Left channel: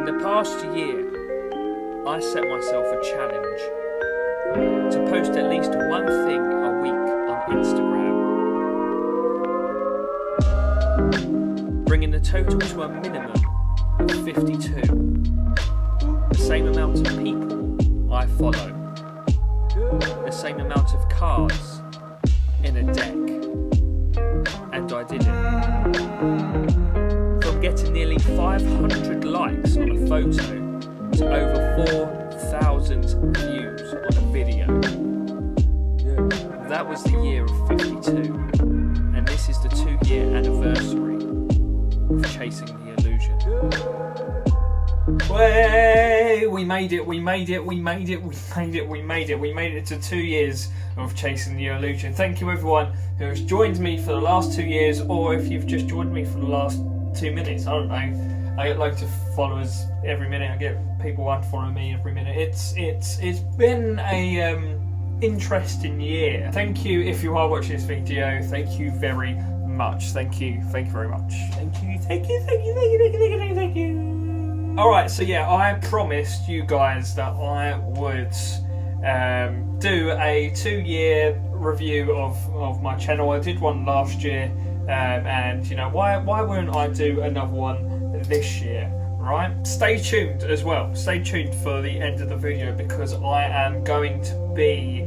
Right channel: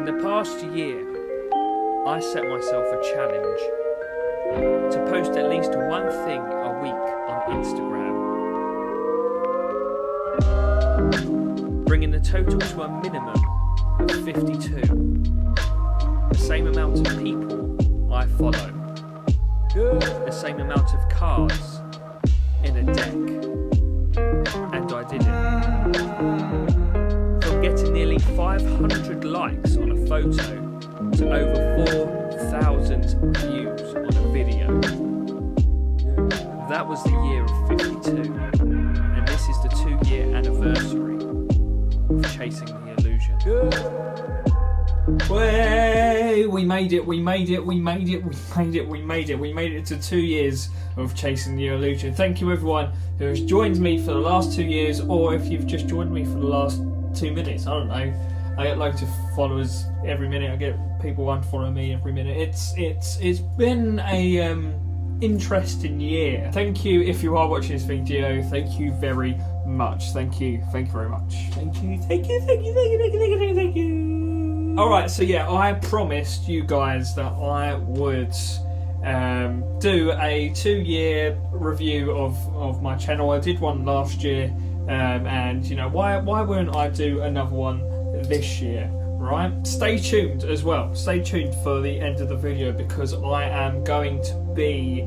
In the past year, I set myself a challenge to post at least one thing a week on Instagram, bringing the total to a minimum of 52, the same amount of people I follow, the same amount of cards in a deck, and I did it. From getting nearly 500 likes on a photo to over 4,000 views on a video. That was the year of 52, and this is the 2-year anniversary of Chasing the Illusion. Way, we made it to 2 years of Chasing the Illusion. Thank you everyone who has joined me for the last 2 years, or if you've just joined me for the last 2 minutes, I don't know. I get loads of followers every minute. I get people unfollowing me every minute. It's been a interesting year. Thank you if you are watching this video. Thank you very much. Thank you very much. Thank you. Alright, so yeah, I promised you guys that I would do a 2-year review of my channel. I did one last year, and you know, why wouldn't I do another one this year, right? Stay tuned as well. Stay tuned for the end of the video, because I am going to be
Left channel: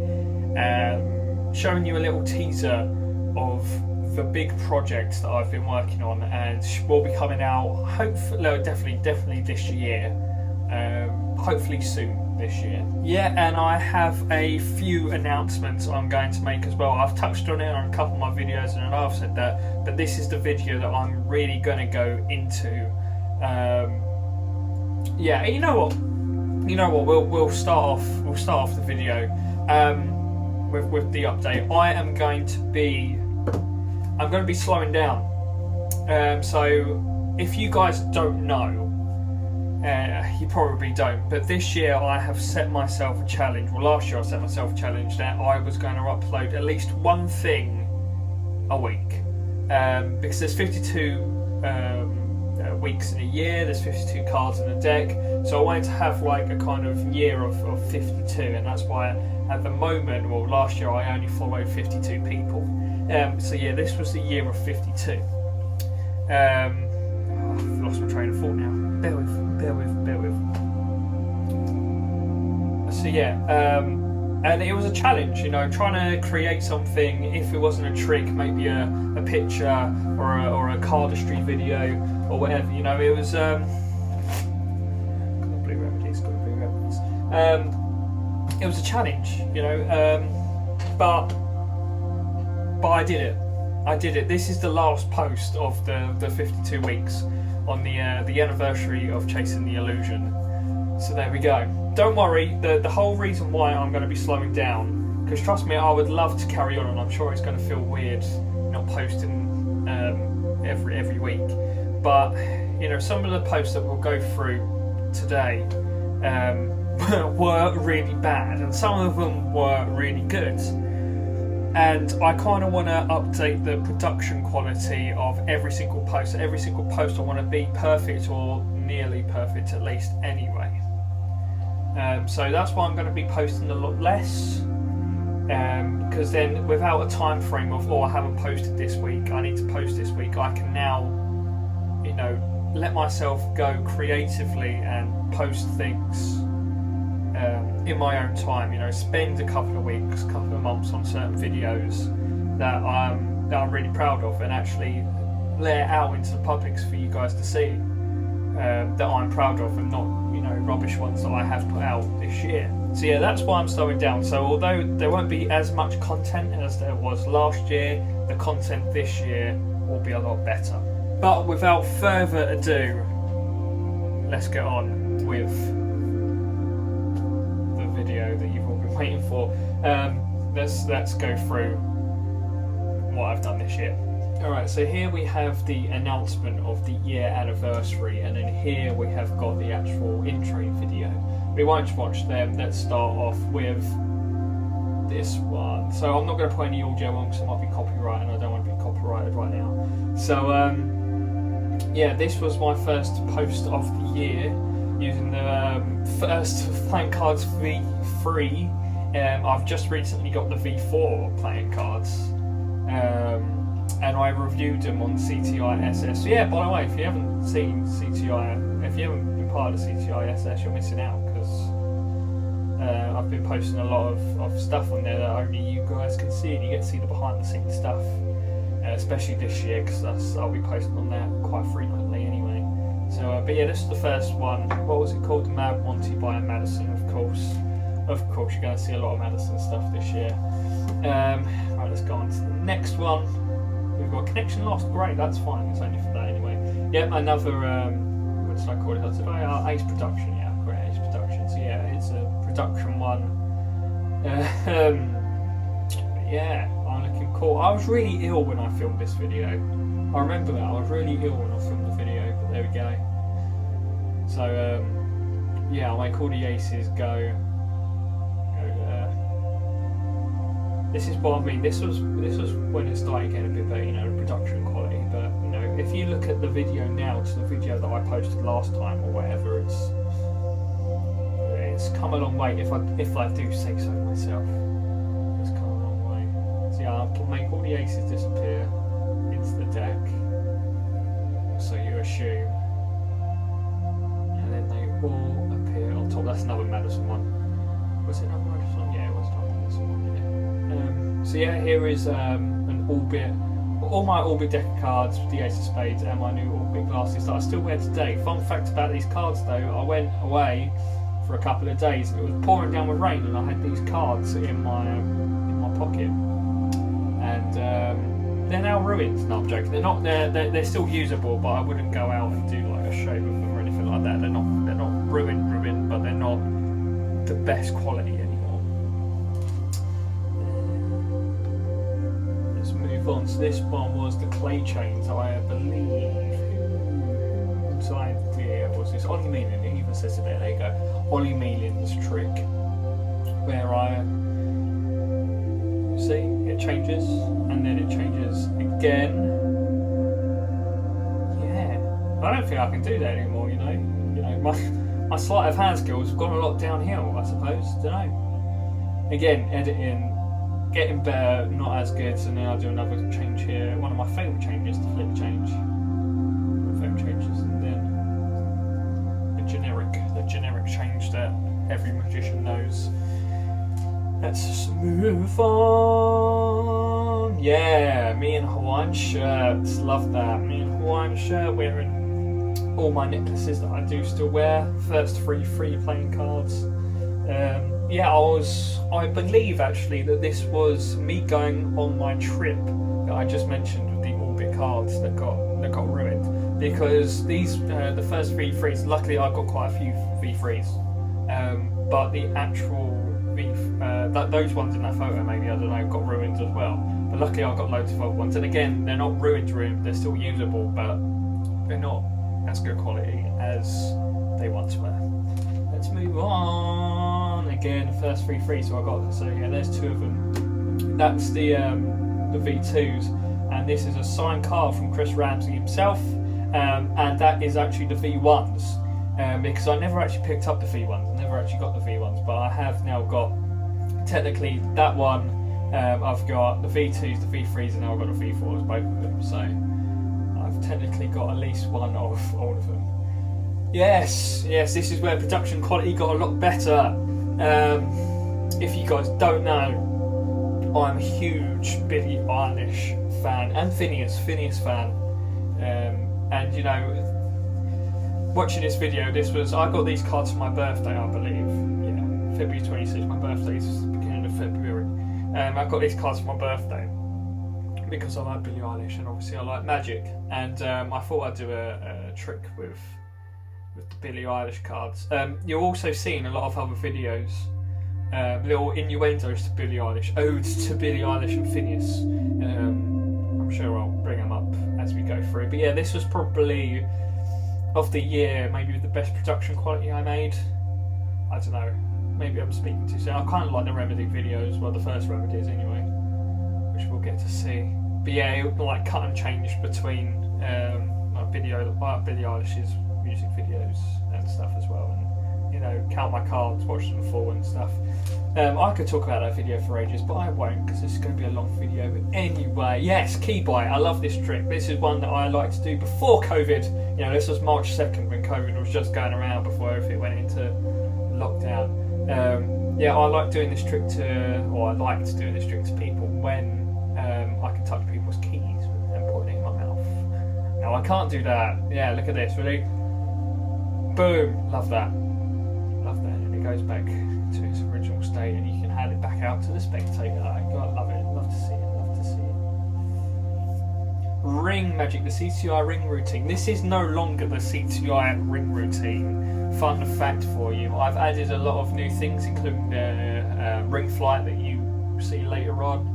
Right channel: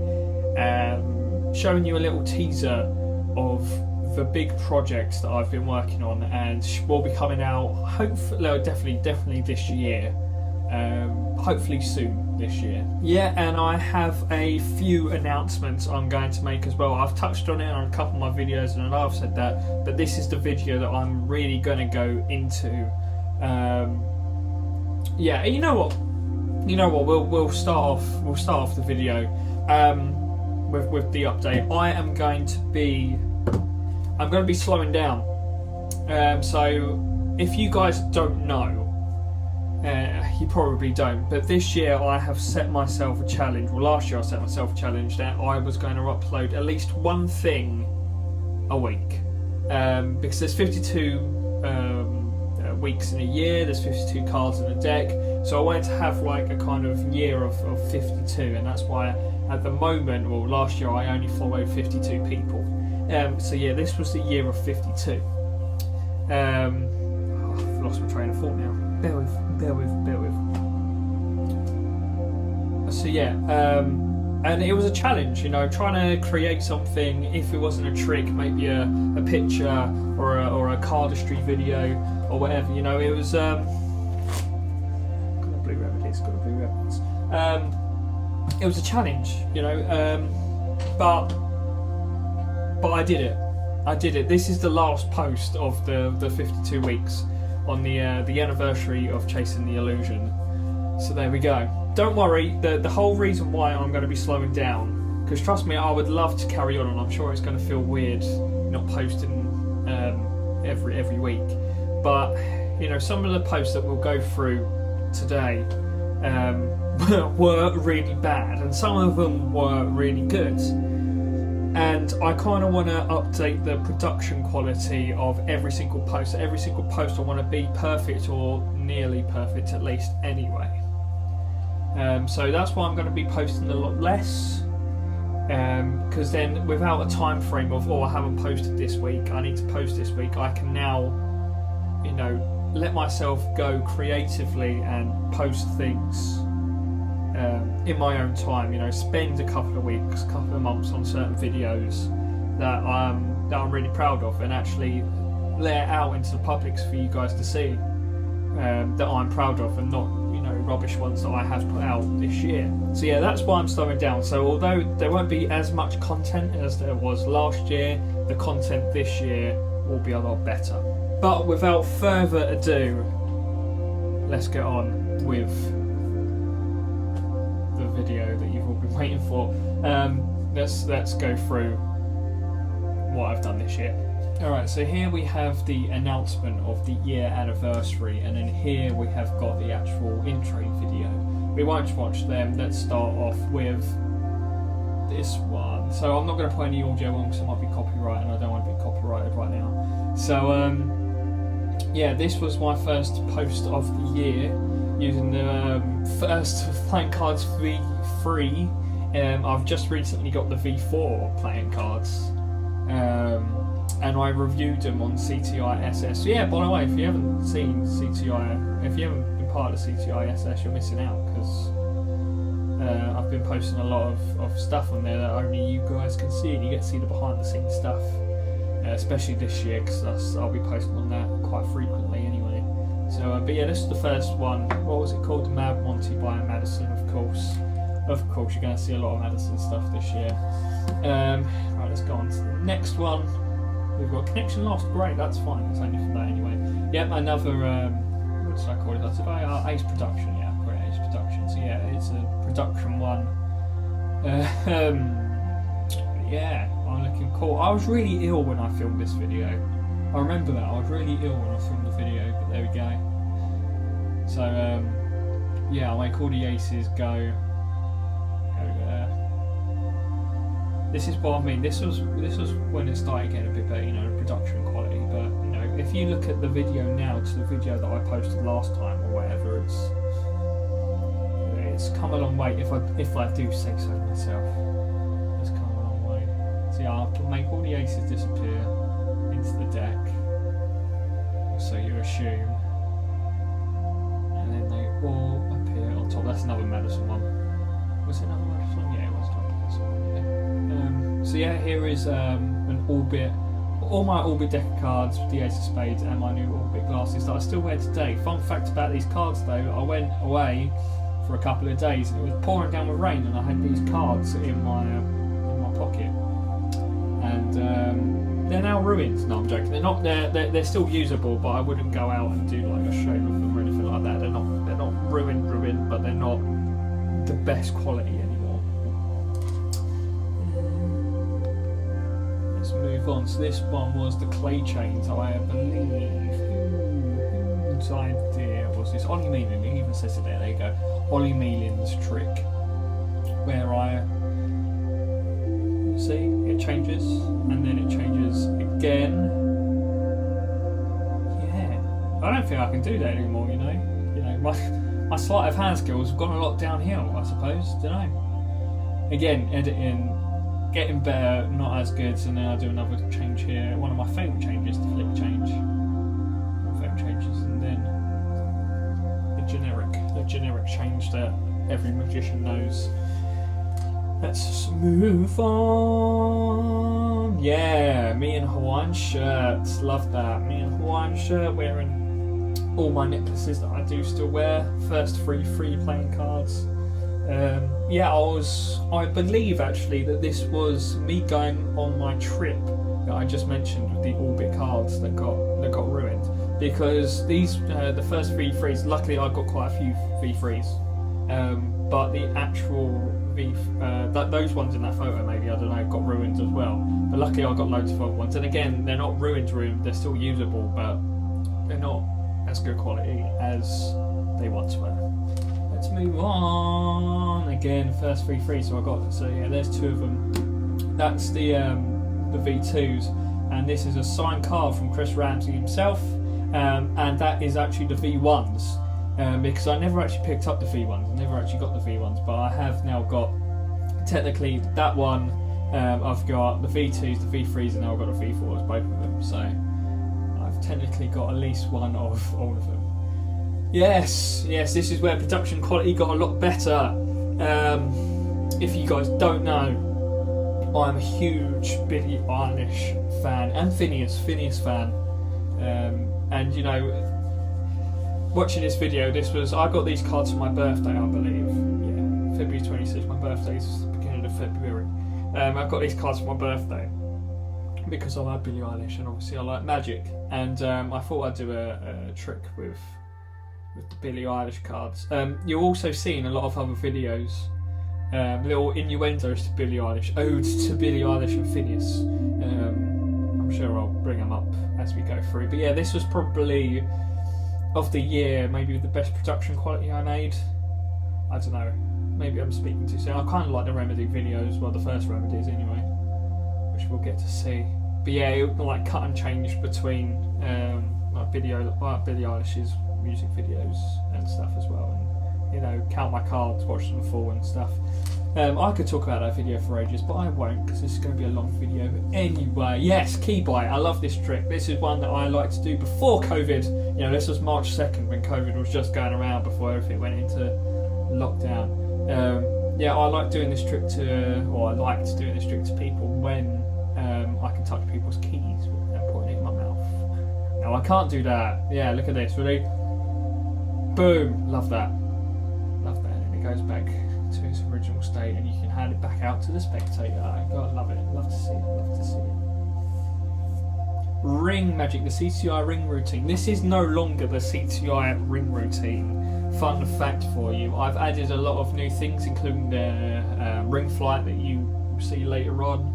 showing you a little teaser of the big project that I've been working on, and will be coming out hopefully, definitely this year. Hopefully soon this year. Yeah, and I have a few announcements I'm going to make as well. I've touched on it on a couple of my videos, and I know I've said that, but this is the video that I'm really going to go into. Yeah, you know what? We'll start off the video with the update. I'm going to be slowing down. So if you guys don't know, you probably don't, but this year I have set myself a challenge. Well, last year I set myself a challenge that I was going to upload at least one thing a week, because there's 52 weeks in a year, there's 52 cards in a deck, so I wanted to have like a kind of year of 52, and that's why at the moment, well, last year I only followed 52 people. So yeah, this was the year of 52. I've lost my train of thought now. Bear with. So yeah, and it was a challenge, you know, trying to create something. If it wasn't a trick, maybe a picture or a cardistry video or whatever, you know. It was got blue remedies. It was a challenge, you know, but I did it. This is the last post of the 52 weeks on the anniversary of Chasing the Illusion. So there we go. Don't worry, the whole reason why I'm going to be slowing down, because trust me, I would love to carry on, and I'm sure it's going to feel weird not posting every week. But you know, some of the posts that we'll go through today were really bad, and some of them were really good. And I kind of want to update the production quality of every single post. Every single post I want to be perfect, or nearly perfect at least anyway. So that's why I'm going to be posting a lot less, because then without a time frame of, I haven't posted this week, I need to post this week, I can now, you know, let myself go creatively and post things in my own time, you know, spend a couple of weeks, couple of months on certain videos that I'm really proud of, and actually let it out into the public for you guys to see, that I'm proud of, and not, you know, rubbish ones that I have put out this year. So yeah, that's why I'm slowing down. So although there won't be as much content as there was last year, the content this year will be a lot better. But without further ado, let's get on with video that you've all been waiting for. Let's go through what I've done this year. Alright, so here we have the announcement of the year anniversary, and then here we have got the actual intro video. We won't watch them. Let's start off with this one. So I'm not going to put any audio on because it might be copyrighted, and I don't want to be copyrighted right now. So yeah, this was my first post of the year. using the first playing cards V3. I've just recently got the V4 playing cards, and I reviewed them on CTI SS. So yeah, by the way, if you haven't seen CTI, if you haven't been part of CTI SS, you're missing out, because I've been posting a lot of stuff on there that only you guys can see, and you get to see the behind the scenes stuff, especially this year, because I'll be posting on that quite frequently anyway. So, but yeah, this is the first one. What was it called? Mad Monty by Madison, of course. Of course, you're going to see a lot of Madison stuff this year. Right, let's go on to the next one. We've got Connection Lost. Great, that's fine. It's only for that anyway. Yep, another, what should I call it? That's about Ace Production. Yeah, great, Ace Production. So yeah, it's a production one. Yeah, I'm looking cool. I was really ill when I filmed this video. I remember that. I was really ill when I filmed the video, but there we go. So, yeah, I'll make all the aces go there. This is what I mean. This was when it started getting a bit better, you know, the production quality. But you know, if you look at the video now to the video that I posted last time or whatever, it's come a long way. If I do say so myself, it's come a long way. So yeah, I can make all the aces disappear into the deck, so you assume, and then they all appear on top. That's another Madison one. Was it another Madison one? Yeah, it was another Madison one. Yeah. So yeah, here is an Orbit, all my Orbit deck of cards, the Ace of Spades, and my new Orbit glasses that I still wear today. Fun fact about these cards though, I went away for a couple of days and it was pouring down with rain, and I had these cards in my pocket, and they're now ruined. No, I'm joking. They're not. They're still usable, but I wouldn't go out and do like a show with them or anything like that. They're not ruined, but they're not the best quality anymore. Let's move on. So this one was the clay chains, I believe. Whose idea was this? Ollie Meelan. It even says it there. There you go. Ollie Meelan's trick, where see, it changes, and then it changes again. Yeah, I don't think I can do that anymore. You know, my sleight of hand skills have gone a lot downhill, I suppose. Don't know. Again, editing, getting better, not as good. So then I do another change here. One of my favourite changes, the flip change. Favourite changes, and then the generic change that every magician knows. Let's move on. Yeah, me in Hawaiian shirts. Love that. Me in Hawaiian shirt, wearing all my necklaces that I do still wear. First free playing cards. Yeah, I believe actually that this was me going on my trip that I just mentioned with the Orbit cards that got ruined. Because these, the first V3s, luckily I got quite a few V3s. But the actual those ones in that photo, maybe, I don't know, got ruined as well. But luckily I got loads of other ones. And again, they're not ruined, they're still usable, but they're not as good quality as they once were. Let's move on. Again, first V3, so yeah, there's two of them. That's the V2s, and this is a signed card from Chris Ramsey himself, and that is actually the V1s. Because I never actually picked up the V1s, I never actually got the V1s, but I have now got, technically, that one, I've got the V2s, the V3s, and now I've got the V4s, both of them, so I've technically got at least one of all of them. Yes, this is where production quality got a lot better. If you guys don't know, I'm a huge Billie Eilish fan, and Phineas fan, and you know, watching this video, I got these cards for my birthday, I believe. Yeah, February 26th, my birthday's the beginning of February. I got these cards for my birthday because I like Billie Eilish and obviously I like magic. And I thought I'd do a trick with the Billie Eilish cards. You're also seeing a lot of other videos, little innuendos to Billie Eilish, odes to Billie Eilish and Phineas. I'm sure I'll bring them up as we go through. But yeah, this was probably, of the year, maybe the best production quality I made. I don't know, maybe I'm speaking too soon. I kind of like the Remedy videos, well, the first Remedies anyway, which we'll get to see. But yeah, it like cut and changed between like Billie Eilish's music videos and stuff as well, and you know, count my cards, watch them full and stuff. I could talk about that video for ages, but I won't, because this is going to be a long video. Anyway, yes, key bite. I love this trick. This is one that I like to do before COVID. You know, this was March 2nd when COVID was just going around before everything went into lockdown. Yeah, I like doing this trick I liked doing this trick to people when I can touch people's keys and putting it in my mouth. Now I can't do that. Yeah, look at this. Really, boom. Love that. Love that. And it goes back to its original state, and you can hand it back out to the spectator. God, love it. Love to see it. Love to see it. Ring magic, the CTI ring routine. This is no longer the CTI ring routine. Fun fact for you: I've added a lot of new things, including the ring flight that you see later on.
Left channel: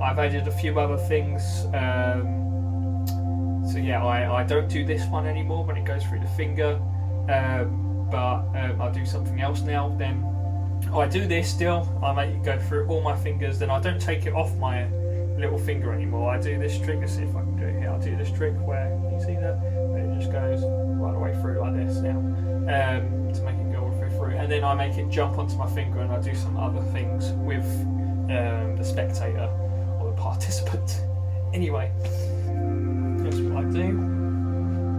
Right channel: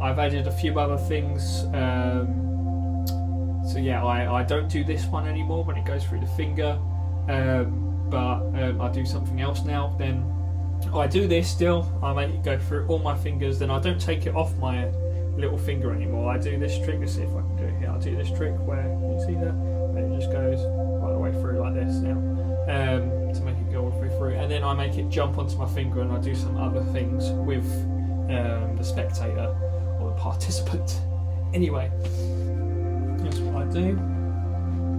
I've added a few other things. So yeah, I don't do this one anymore when it goes through the finger, but I do something else now. Then I do this still. I make it go through all my fingers. Then I don't take it off my little finger anymore. I do this trick. Let's see if I can do it here. I'll do this trick where you see that, where it just goes right the way through like this now, to make it go all the way through. And then I make it jump onto my finger, and I do some other things with the spectator or the participant. Anyway, that's what I do.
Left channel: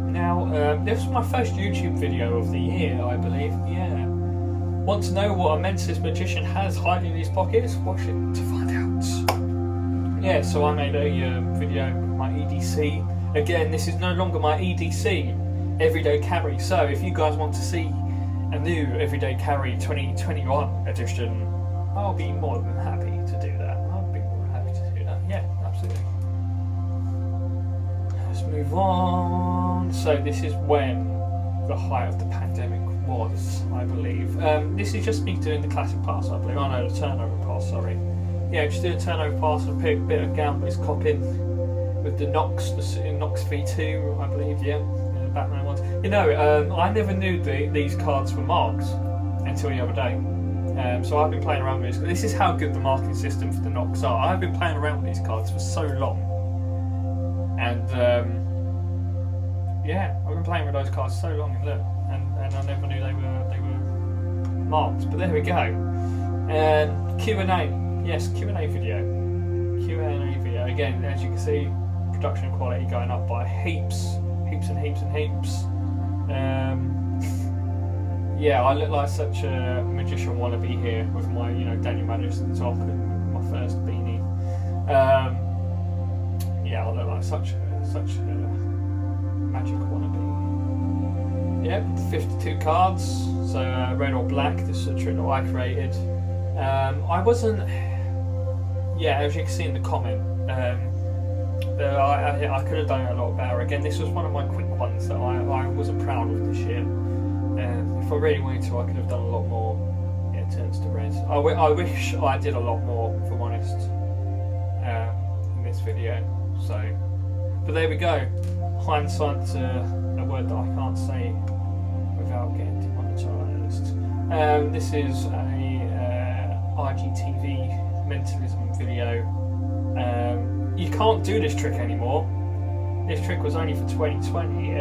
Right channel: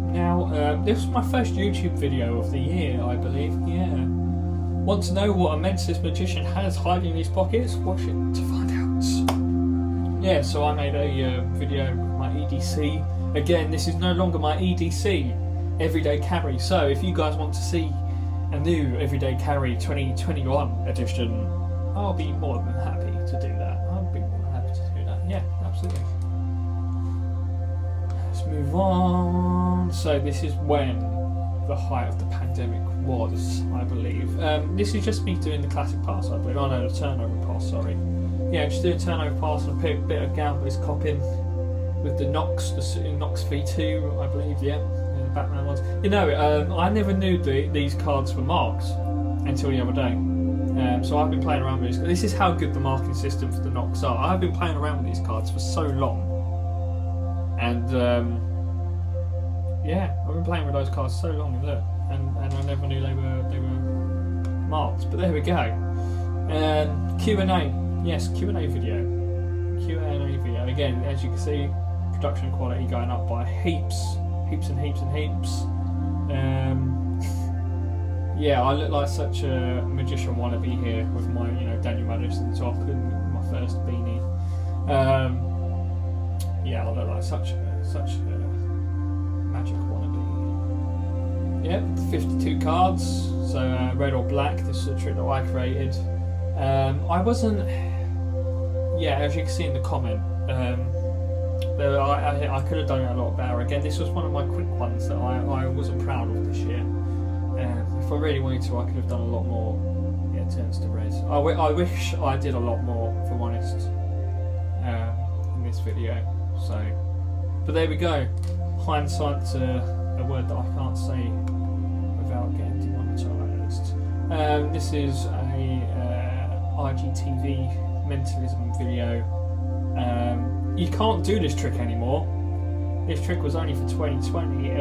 Now, this is my first YouTube video of the year, I believe. Yeah. Want to know what a mentalist magician has hiding in his pockets? Watch it to find out. Yeah, so I made a video with my EDC. Again, this is no longer my EDC, Everyday Carry. So if you guys want to see a new Everyday Carry 2021 edition, I'll be more than happy to do that. I'll be more than happy to do that. Yeah, absolutely. Let's move on. So this is when the height of the pandemic was, I believe. This is just me doing the classic pass, I believe. Oh no, the turnover pass, sorry. Yeah, just do a turnover pass and pick a bit of Gambler's copping with the Nox, the Nox V2, I believe, yeah, the Batman ones. You know, I never knew these cards were marked until the other day. So I've been playing around with this. This is how good the marking system for the Nox are. I've been playing around with these cards for so long. And, yeah, I've been playing with those cards so long, look, and I never knew they were marked. But there we go. Q&A. Yes, Q&A video. Q&A video. Again, as you can see, production quality going up by heaps. Heaps and heaps and heaps. Yeah, I look like such a magician wannabe here with my, you know, Daniel Maddox at the top and my first beanie. Yeah, I look like such a magic wannabe. Yep, 52 cards. So red or black. This is a trick that I created. I wasn't. Yeah, as you can see in the comment, I could have done it a lot better. Again, this was one of my quick ones that I wasn't proud of this year. If I really wanted to, I could have done a lot more. Yeah, it turns to red. I wish I did a lot more, if I'm honest, in this video. So, but there we go. Hindsight's a word that I can't say without getting demonetized. This is a IGTV mentalism video. You can't do this trick anymore. This trick was only for 2020.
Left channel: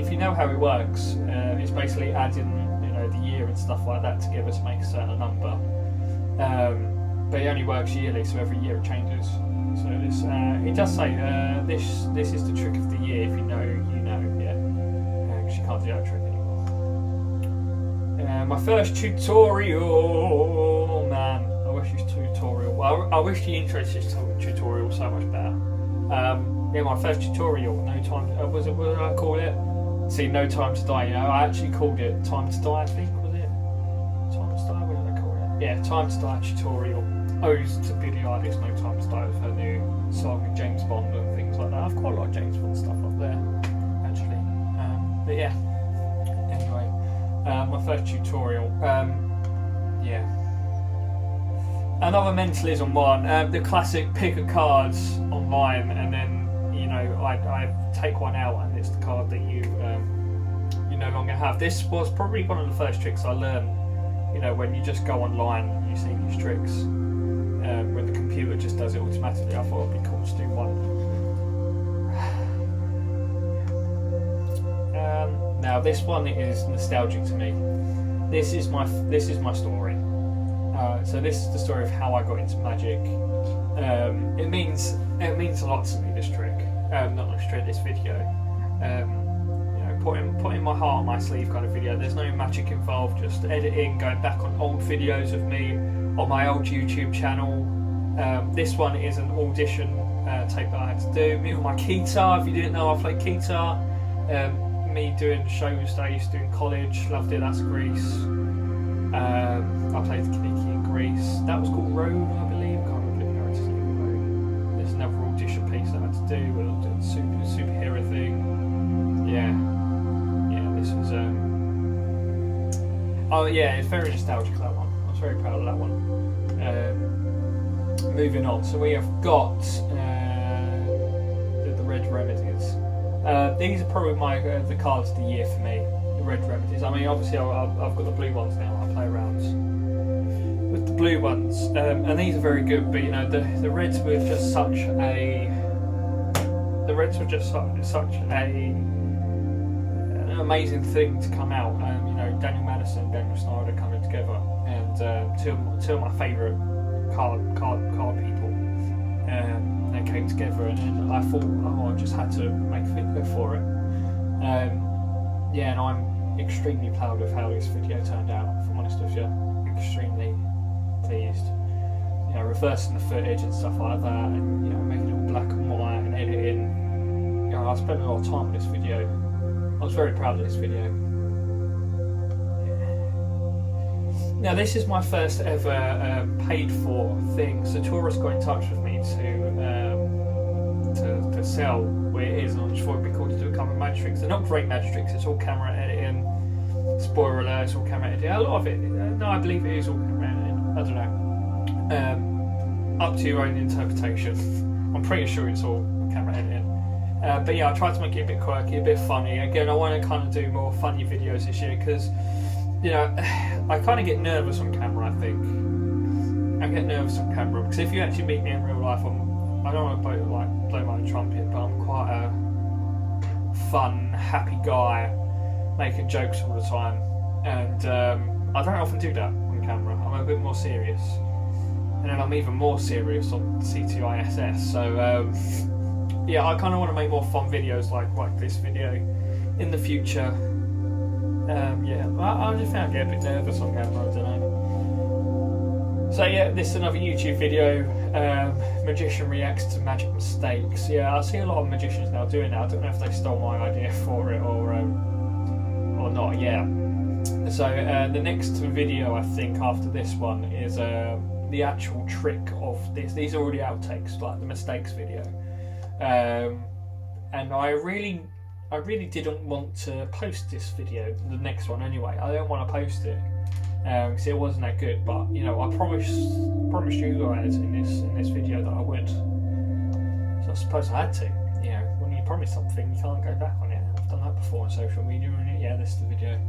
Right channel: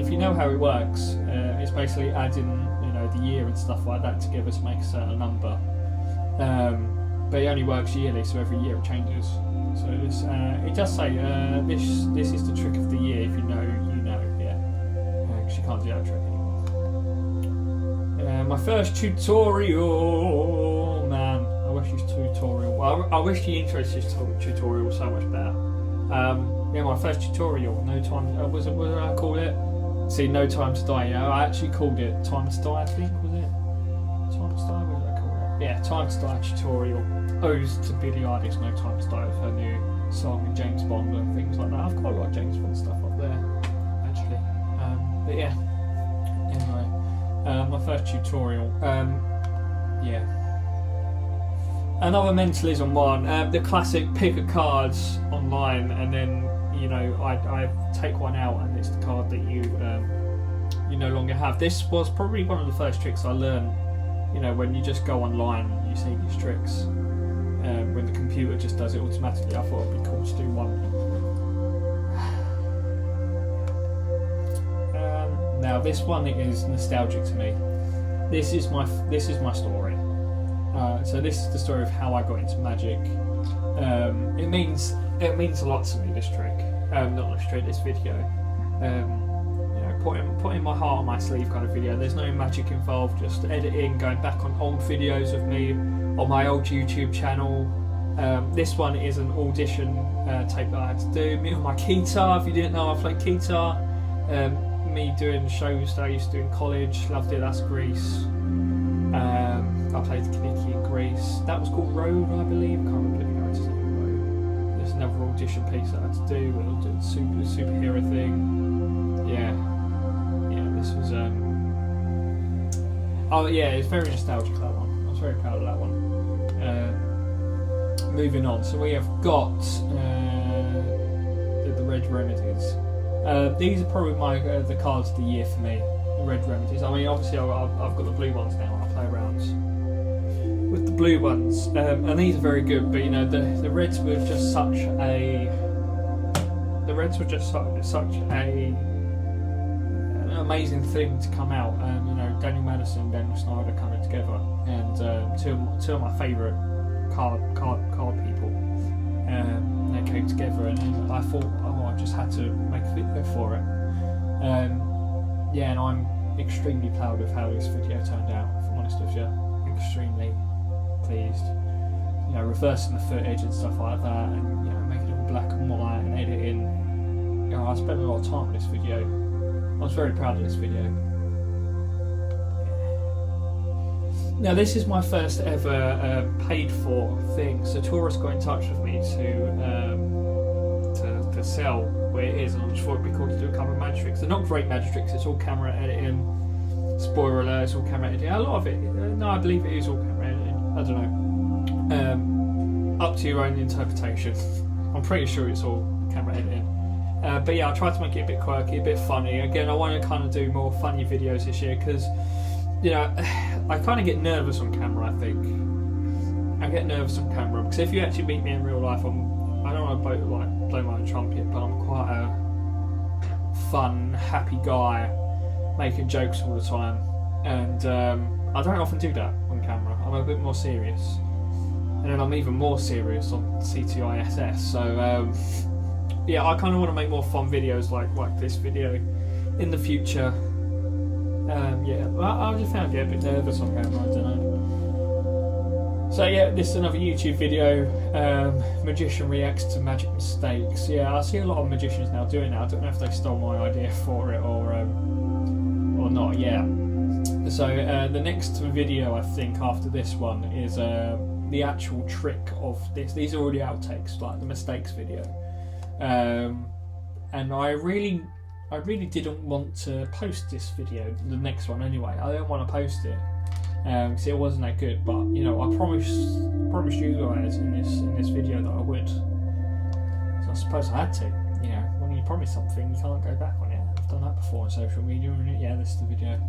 If you know how it works, it's basically adding, you know, the year and stuff like that together to make a certain number. But it only works yearly, so every year it changes. So this, it does say this is the trick of the year. If you know, you know. Yeah, because you can't do that trick anymore. My first tutorial, man. I wish this tutorial. Well, I wish the intro to this tutorial was so much better. Yeah, my first tutorial. No time. What did I call it? See, no time to die. Yeah, I actually called it time to die. I think was it. Time to die. What did I call it? Yeah, time to die tutorial. Owes to Billie Eilish. No time to die with her new song with James Bond and things like that. I've got a lot of James Bond stuff up there, actually. But yeah. Anyway, my first tutorial. Yeah. Another mentalism one, the classic pick a card online, and then, you know, I take one out and it's the card that you no longer have. This was probably one of the first tricks I learned, you know, when you just go online and you see these tricks, when the computer just does it automatically. I thought it'd be cool to do one. Now this one is nostalgic to me. This is my story. So this is the story of how I got into magic. It means a lot to me, this trick. Not this trick, this video. Putting my heart on my sleeve kind of video. There's no magic involved, just editing, going back on old videos of me on my old YouTube channel. This one is an audition tape that I had to do. Me on my guitar, if you didn't know, I played guitar. Me doing shows that I used to do in college, loved it, that's Greece. I played the Kaniki in Greece. That was called Road, I believe. I can't remember the character's name. Road. There's another audition piece that I had to do, where I was doing the superhero thing. Yeah, this was oh yeah, it's very nostalgic, that one. I was very proud of that one. Moving on, so we have got the Red Remedies. These are probably the cards of the year for me, the Red Remedies. I mean, obviously I've got the blue ones now. I play around with the blue ones, and these are very good. But you know, the Reds were just such an amazing thing to come out. You know, Daniel Madison and Ben Snyder coming together, and two of my favourite card people. They came together, and I thought, I just had to make a video for it. And I'm extremely proud of how this video turned out, if I'm honest with you. Extremely pleased. You know, reversing the footage and stuff like that, and you know, making it all black and white and editing. You know, I spent a lot of time on this video. I was very proud of this video. Now this is my first ever paid for thing. So Taurus got in touch with me to sell where it is, and I just thought it'd be cool to do a couple of magic tricks. They're not great magic tricks, it's all camera editing. Spoiler alert, it's all camera editing. A lot of it, no, I believe it is all camera editing. I don't know. Up to your own interpretation. I'm pretty sure it's all camera editing. But yeah, I tried to make it a bit quirky, a bit funny. Again, I want to kind of do more funny videos this year because, you know, I kind of get nervous on camera, I think. I get nervous on camera because if you actually meet me in real life, I don't want to blow my own trumpet, but I'm quite a fun, happy guy, making jokes all the time. And I don't often do that on camera. I'm a bit more serious. And then I'm even more serious on CTISS. So, yeah, I kind of want to make more fun videos like this video in the future. Yeah, I just found I get a bit nervous on camera, I don't know. So yeah, this is another YouTube video. Magician reacts to magic mistakes. Yeah, I see a lot of magicians now doing that. I don't know if they stole my idea for it or not. Yeah. So the next video I think after this one is the actual trick of this. These are all the outtakes, like the mistakes video. And I really didn't want to post this video, the next one anyway. I don't want to post it because it wasn't that good. But you know, I promised you guys in this video that I would. So I suppose I had to. You know, when you promise something, you can't go back on it. I've done that before on social media, and yeah, this is the video.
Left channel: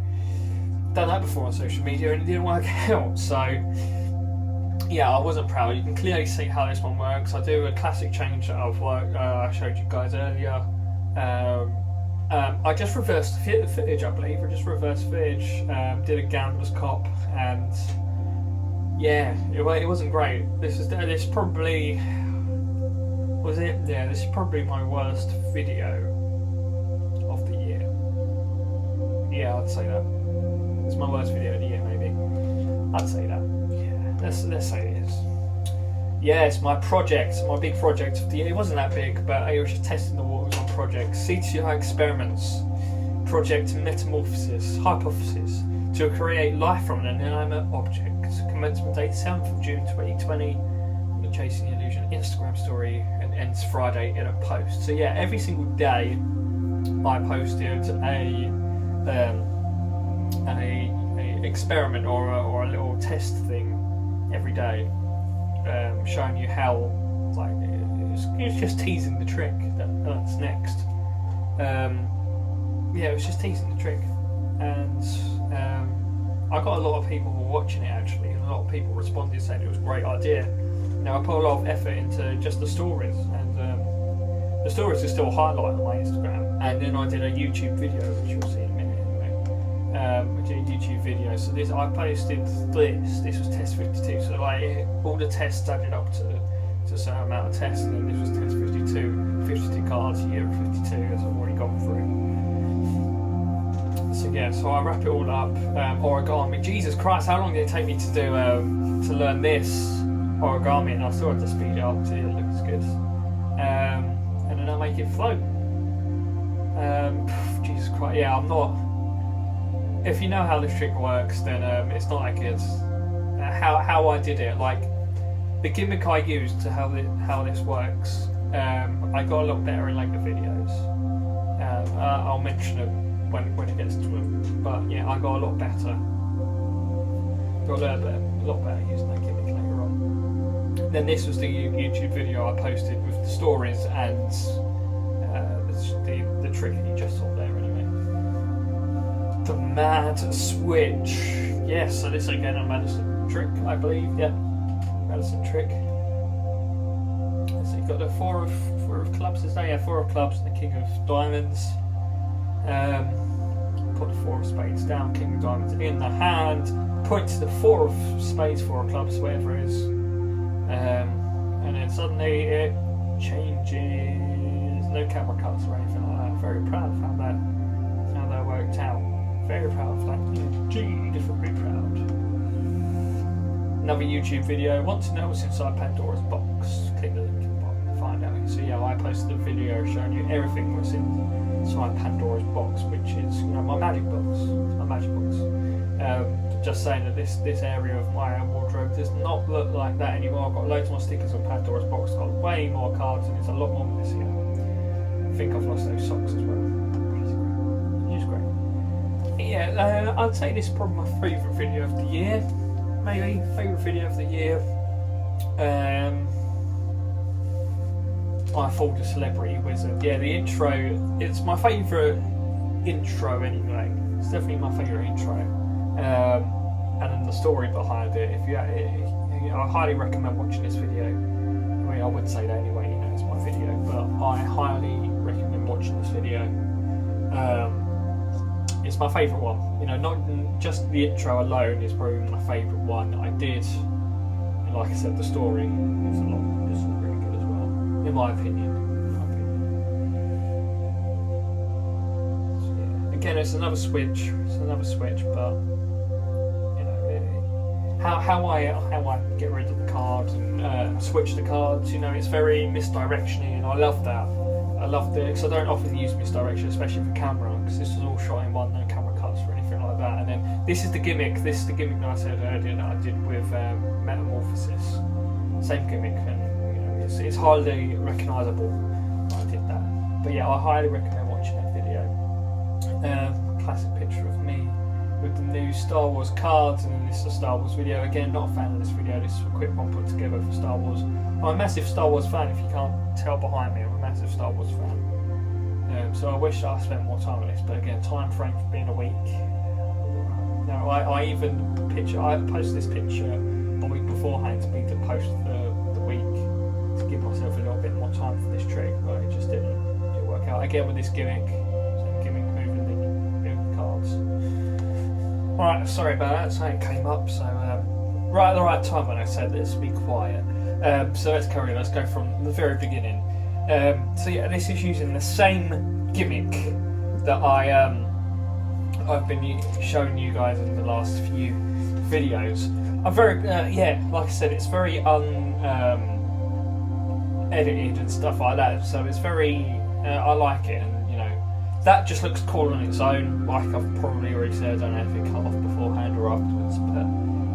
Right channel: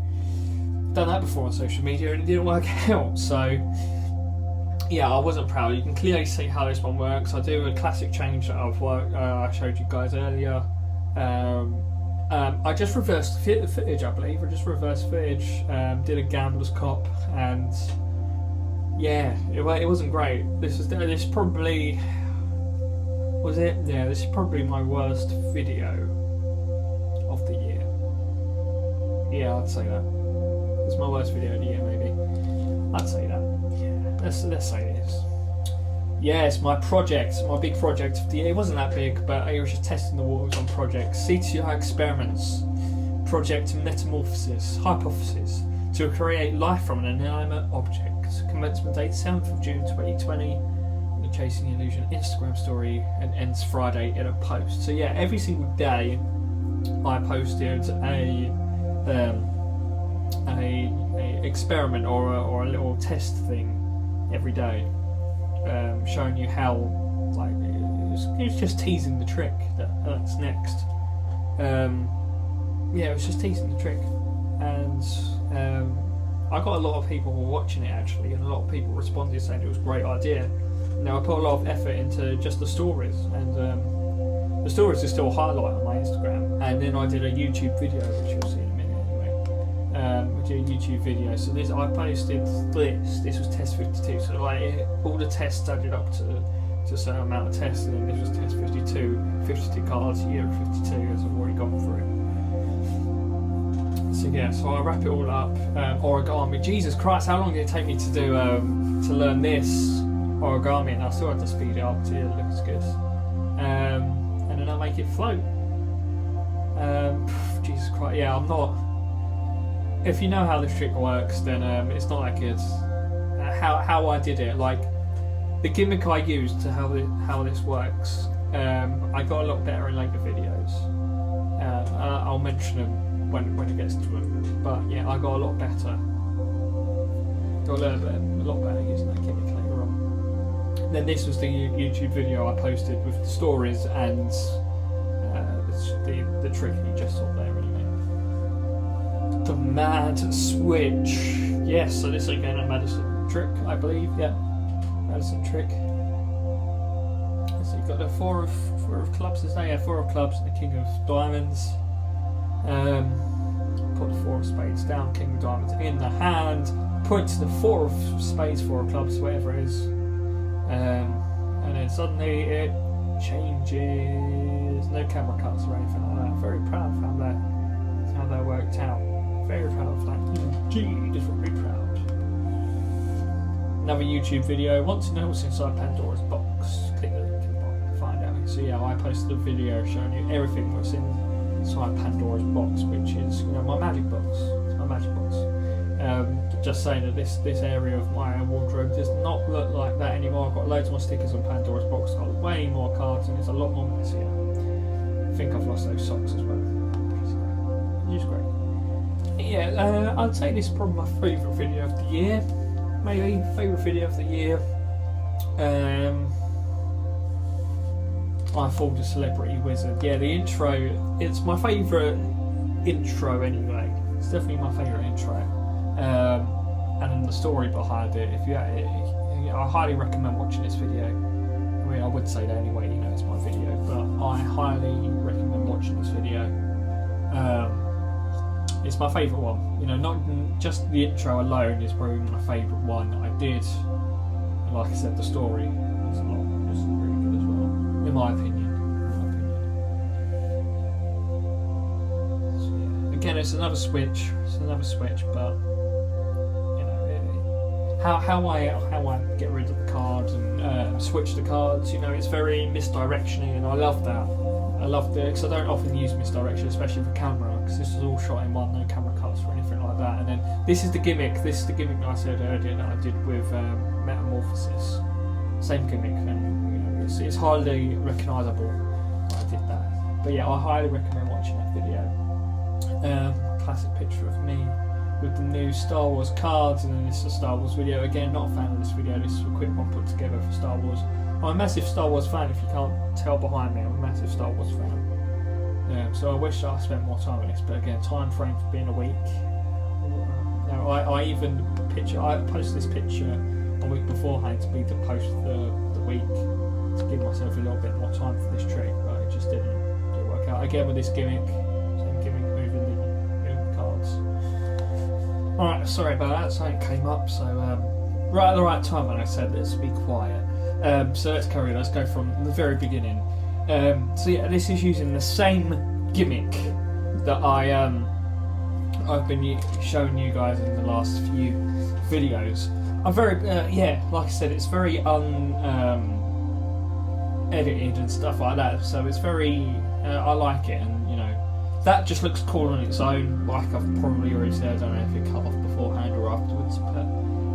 Done that before on social media, and it didn't work out. So yeah, I wasn't proud. You can clearly see how this one works. I do a classic change that I've worked. I showed you guys earlier. I just reversed the footage, I believe. I just reversed footage, did a gambler's cop, and yeah, it wasn't great. This probably was it. Yeah, this is probably my worst video of the year. Yeah, I'd say that. It's my worst video of the year, maybe. I'd say that. Yeah, let's say it is. Yes, my big project of the year. It wasn't that big, but I was just testing the waters on projects. CTI experiments, project metamorphosis, hypothesis to create life from an inanimate object. Commencement date 7th of June 2020. The Chasing the Illusion Instagram story, and ends Friday in a post. So yeah, every single day I posted a experiment or a little test thing every day. Showing you how, like, it was just teasing the trick that's next. Yeah, it was just teasing the trick, and I got a lot of people watching it actually, and a lot of people responded saying it was a great idea. Now I put a lot of effort into just the stories, and the stories are still a highlight on my Instagram. And then I did a YouTube video, which you'll see in a minute. do a YouTube video. So this, I posted this. This was test 52. So like all the tests added up to a certain amount of tests, and then this was test 52. 52 cards, year 52, as I've already gone through. So yeah, so I wrap it all up. Origami. Jesus Christ, how long did it take me to do to learn this origami? And I still had to speed it up to it looks good. And then I make it float. Jesus Christ, yeah, I'm not. If you know how this trick works, then it's not that good. How I did it, like the gimmick I used to how this works, I got a lot better in later videos. I'll mention them when it gets to them. But yeah, I got a lot better. Got a lot better using that gimmick later on. Then this was the YouTube video I posted with the stories and the trick you just saw there anyway. The Mad Switch. Yes, so this again a Mentalism Trick, I believe. Yeah, Mentalism Trick. So you've got the four of clubs, is there? Yeah, 4 of clubs and the King of Diamonds. Put the 4 of spades down, King of Diamonds in the hand. Point to the 4 of spades, 4 of clubs, whatever it is. And then suddenly it changes. No camera cuts or anything like that. Very proud of how that worked out. Very proud of that. Indeed, very proud. Another YouTube video. Want to know what's inside Pandora's box? Click the link in the bottom to find out. So yeah, I posted a video showing you everything that's inside Pandora's box, which is my magic box. My magic box. Just saying that this area of my wardrobe does not look like that anymore. I've got loads more stickers on Pandora's box. I've got way more cards, and it's a lot more messier. I think I've lost those socks as well. It's great. Yeah, I'd say this is probably my favourite video of the year. Maybe favourite video of the year. I Fooled a Celebrity Wizard. Yeah, the intro. It's my favourite intro anyway. It's definitely my favourite intro. And then the story behind it. I highly recommend watching this video. I mean, I would say that anyway. It's my video, but I highly recommend watching this video. It's my favourite one. Not just the intro alone is probably my favourite one that I did. And like I said, the story is really good as well, in my opinion. So, yeah. Again, it's another switch. But how I get rid of the cards and switch the cards. It's very misdirectioning, and I love that. I love because I don't often use misdirection, especially for camera, because this is all shot in one, no camera cuts or anything like that. And then this is the gimmick. This is the gimmick that I said earlier that I did with Metamorphosis. Same gimmick, and it's highly recognisable that I did that. But yeah, I highly recommend watching that video. Classic picture of me with the new Star Wars cards, and then this is a Star Wars video. Again, not a fan of this video. This is a quick one put together for Star Wars. I'm a massive Star Wars fan, if you can't tell behind me. I'm a massive Star Wars fan. So I wish I spent more time on this, but again, time frame for being a week. Now, I posted this picture a week beforehand to be to post the week to give myself a little bit more time for this trick, but it just didn't work out. Again, with this gimmick, same gimmick, moving the cards. Alright, sorry about that, something came up, so right at the right time when I said let's be quiet. So let's carry on, let's go from the very beginning. So yeah, this is using the same gimmick that I've been showing you guys in the last few videos. I'm very, like I said, it's very edited and stuff like that, so it's very, I like it, and that just looks cool on its own, like I've probably already said. I don't know if it cut off beforehand or afterwards, but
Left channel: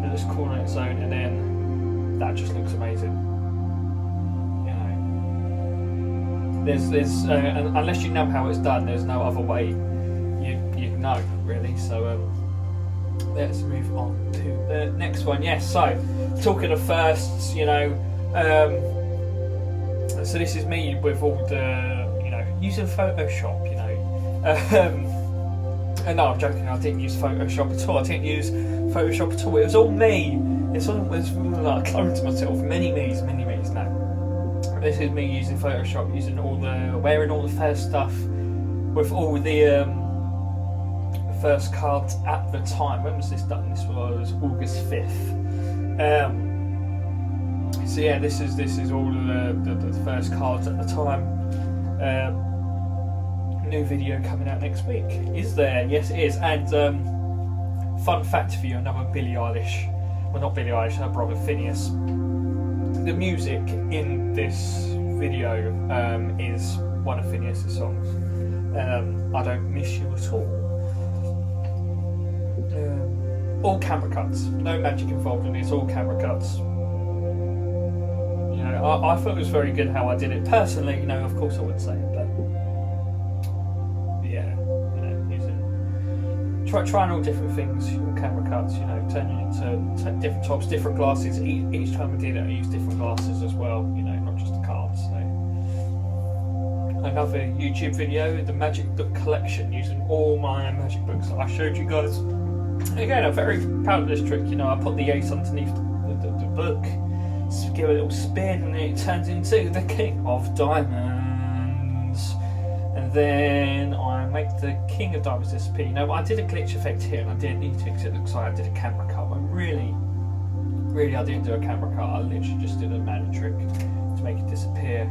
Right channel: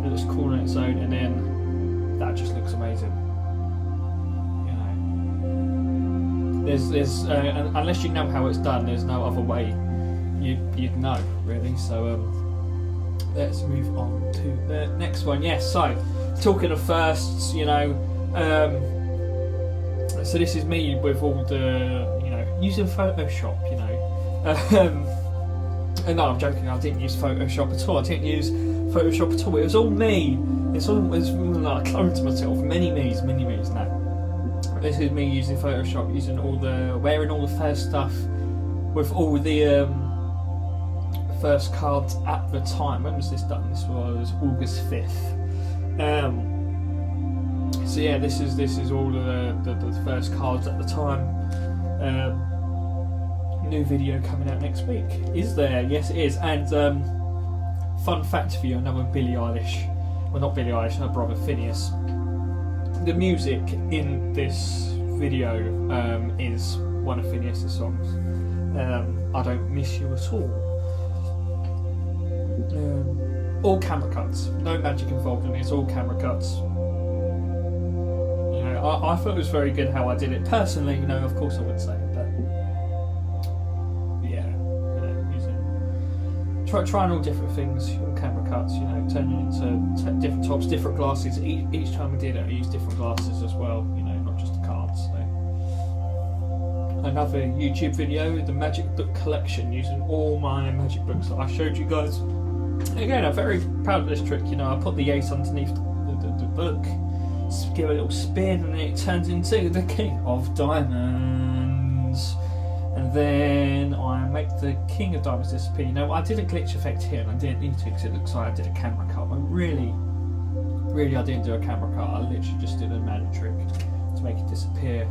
it looks cool on its own, and then that just looks amazing. There's unless you know how it's done, there's no other way you'd know, really. So let's move on to the next one. Yes, so talking of firsts, so this is me with all the, using Photoshop, and no, I'm joking, I didn't use Photoshop at all. I didn't use Photoshop at all. It was all me. It was like a clone to myself. Many me's, no. This is me using Photoshop, wearing all the first stuff with all the first cards at the time. When was this done? This was August 5th. So yeah, this is all of the first cards at the time. New video coming out next week. Is there? Yes, it is. And fun fact for you, another Billie Eilish. Well, not Billie Eilish, her brother Phineas. The music in this video is one of Phineas's songs. I Don't Miss You at all camera cuts, no magic involved in it, it's all camera cuts. You know, I thought it was very good how I did it. Personally, you know, of course I would say it, but yeah, you know, using trying all different things, all camera cuts, you know, turning into different tops, different glasses. Each time I did it, I used different glasses as well, you know, not just the cards. So. Another YouTube video, the magic book collection, using all my magic books that I showed you guys. Again, I'm very proud of this trick. You know, I put the ace underneath the book, give it a little spin, and then it turns into the King of Diamonds. And then I make the King of Diamonds disappear. You know, I did a glitch effect here, and I didn't need to because it looks like I did a camera cut. But really, I didn't do a camera cut. I literally just did a magic trick to make it disappear.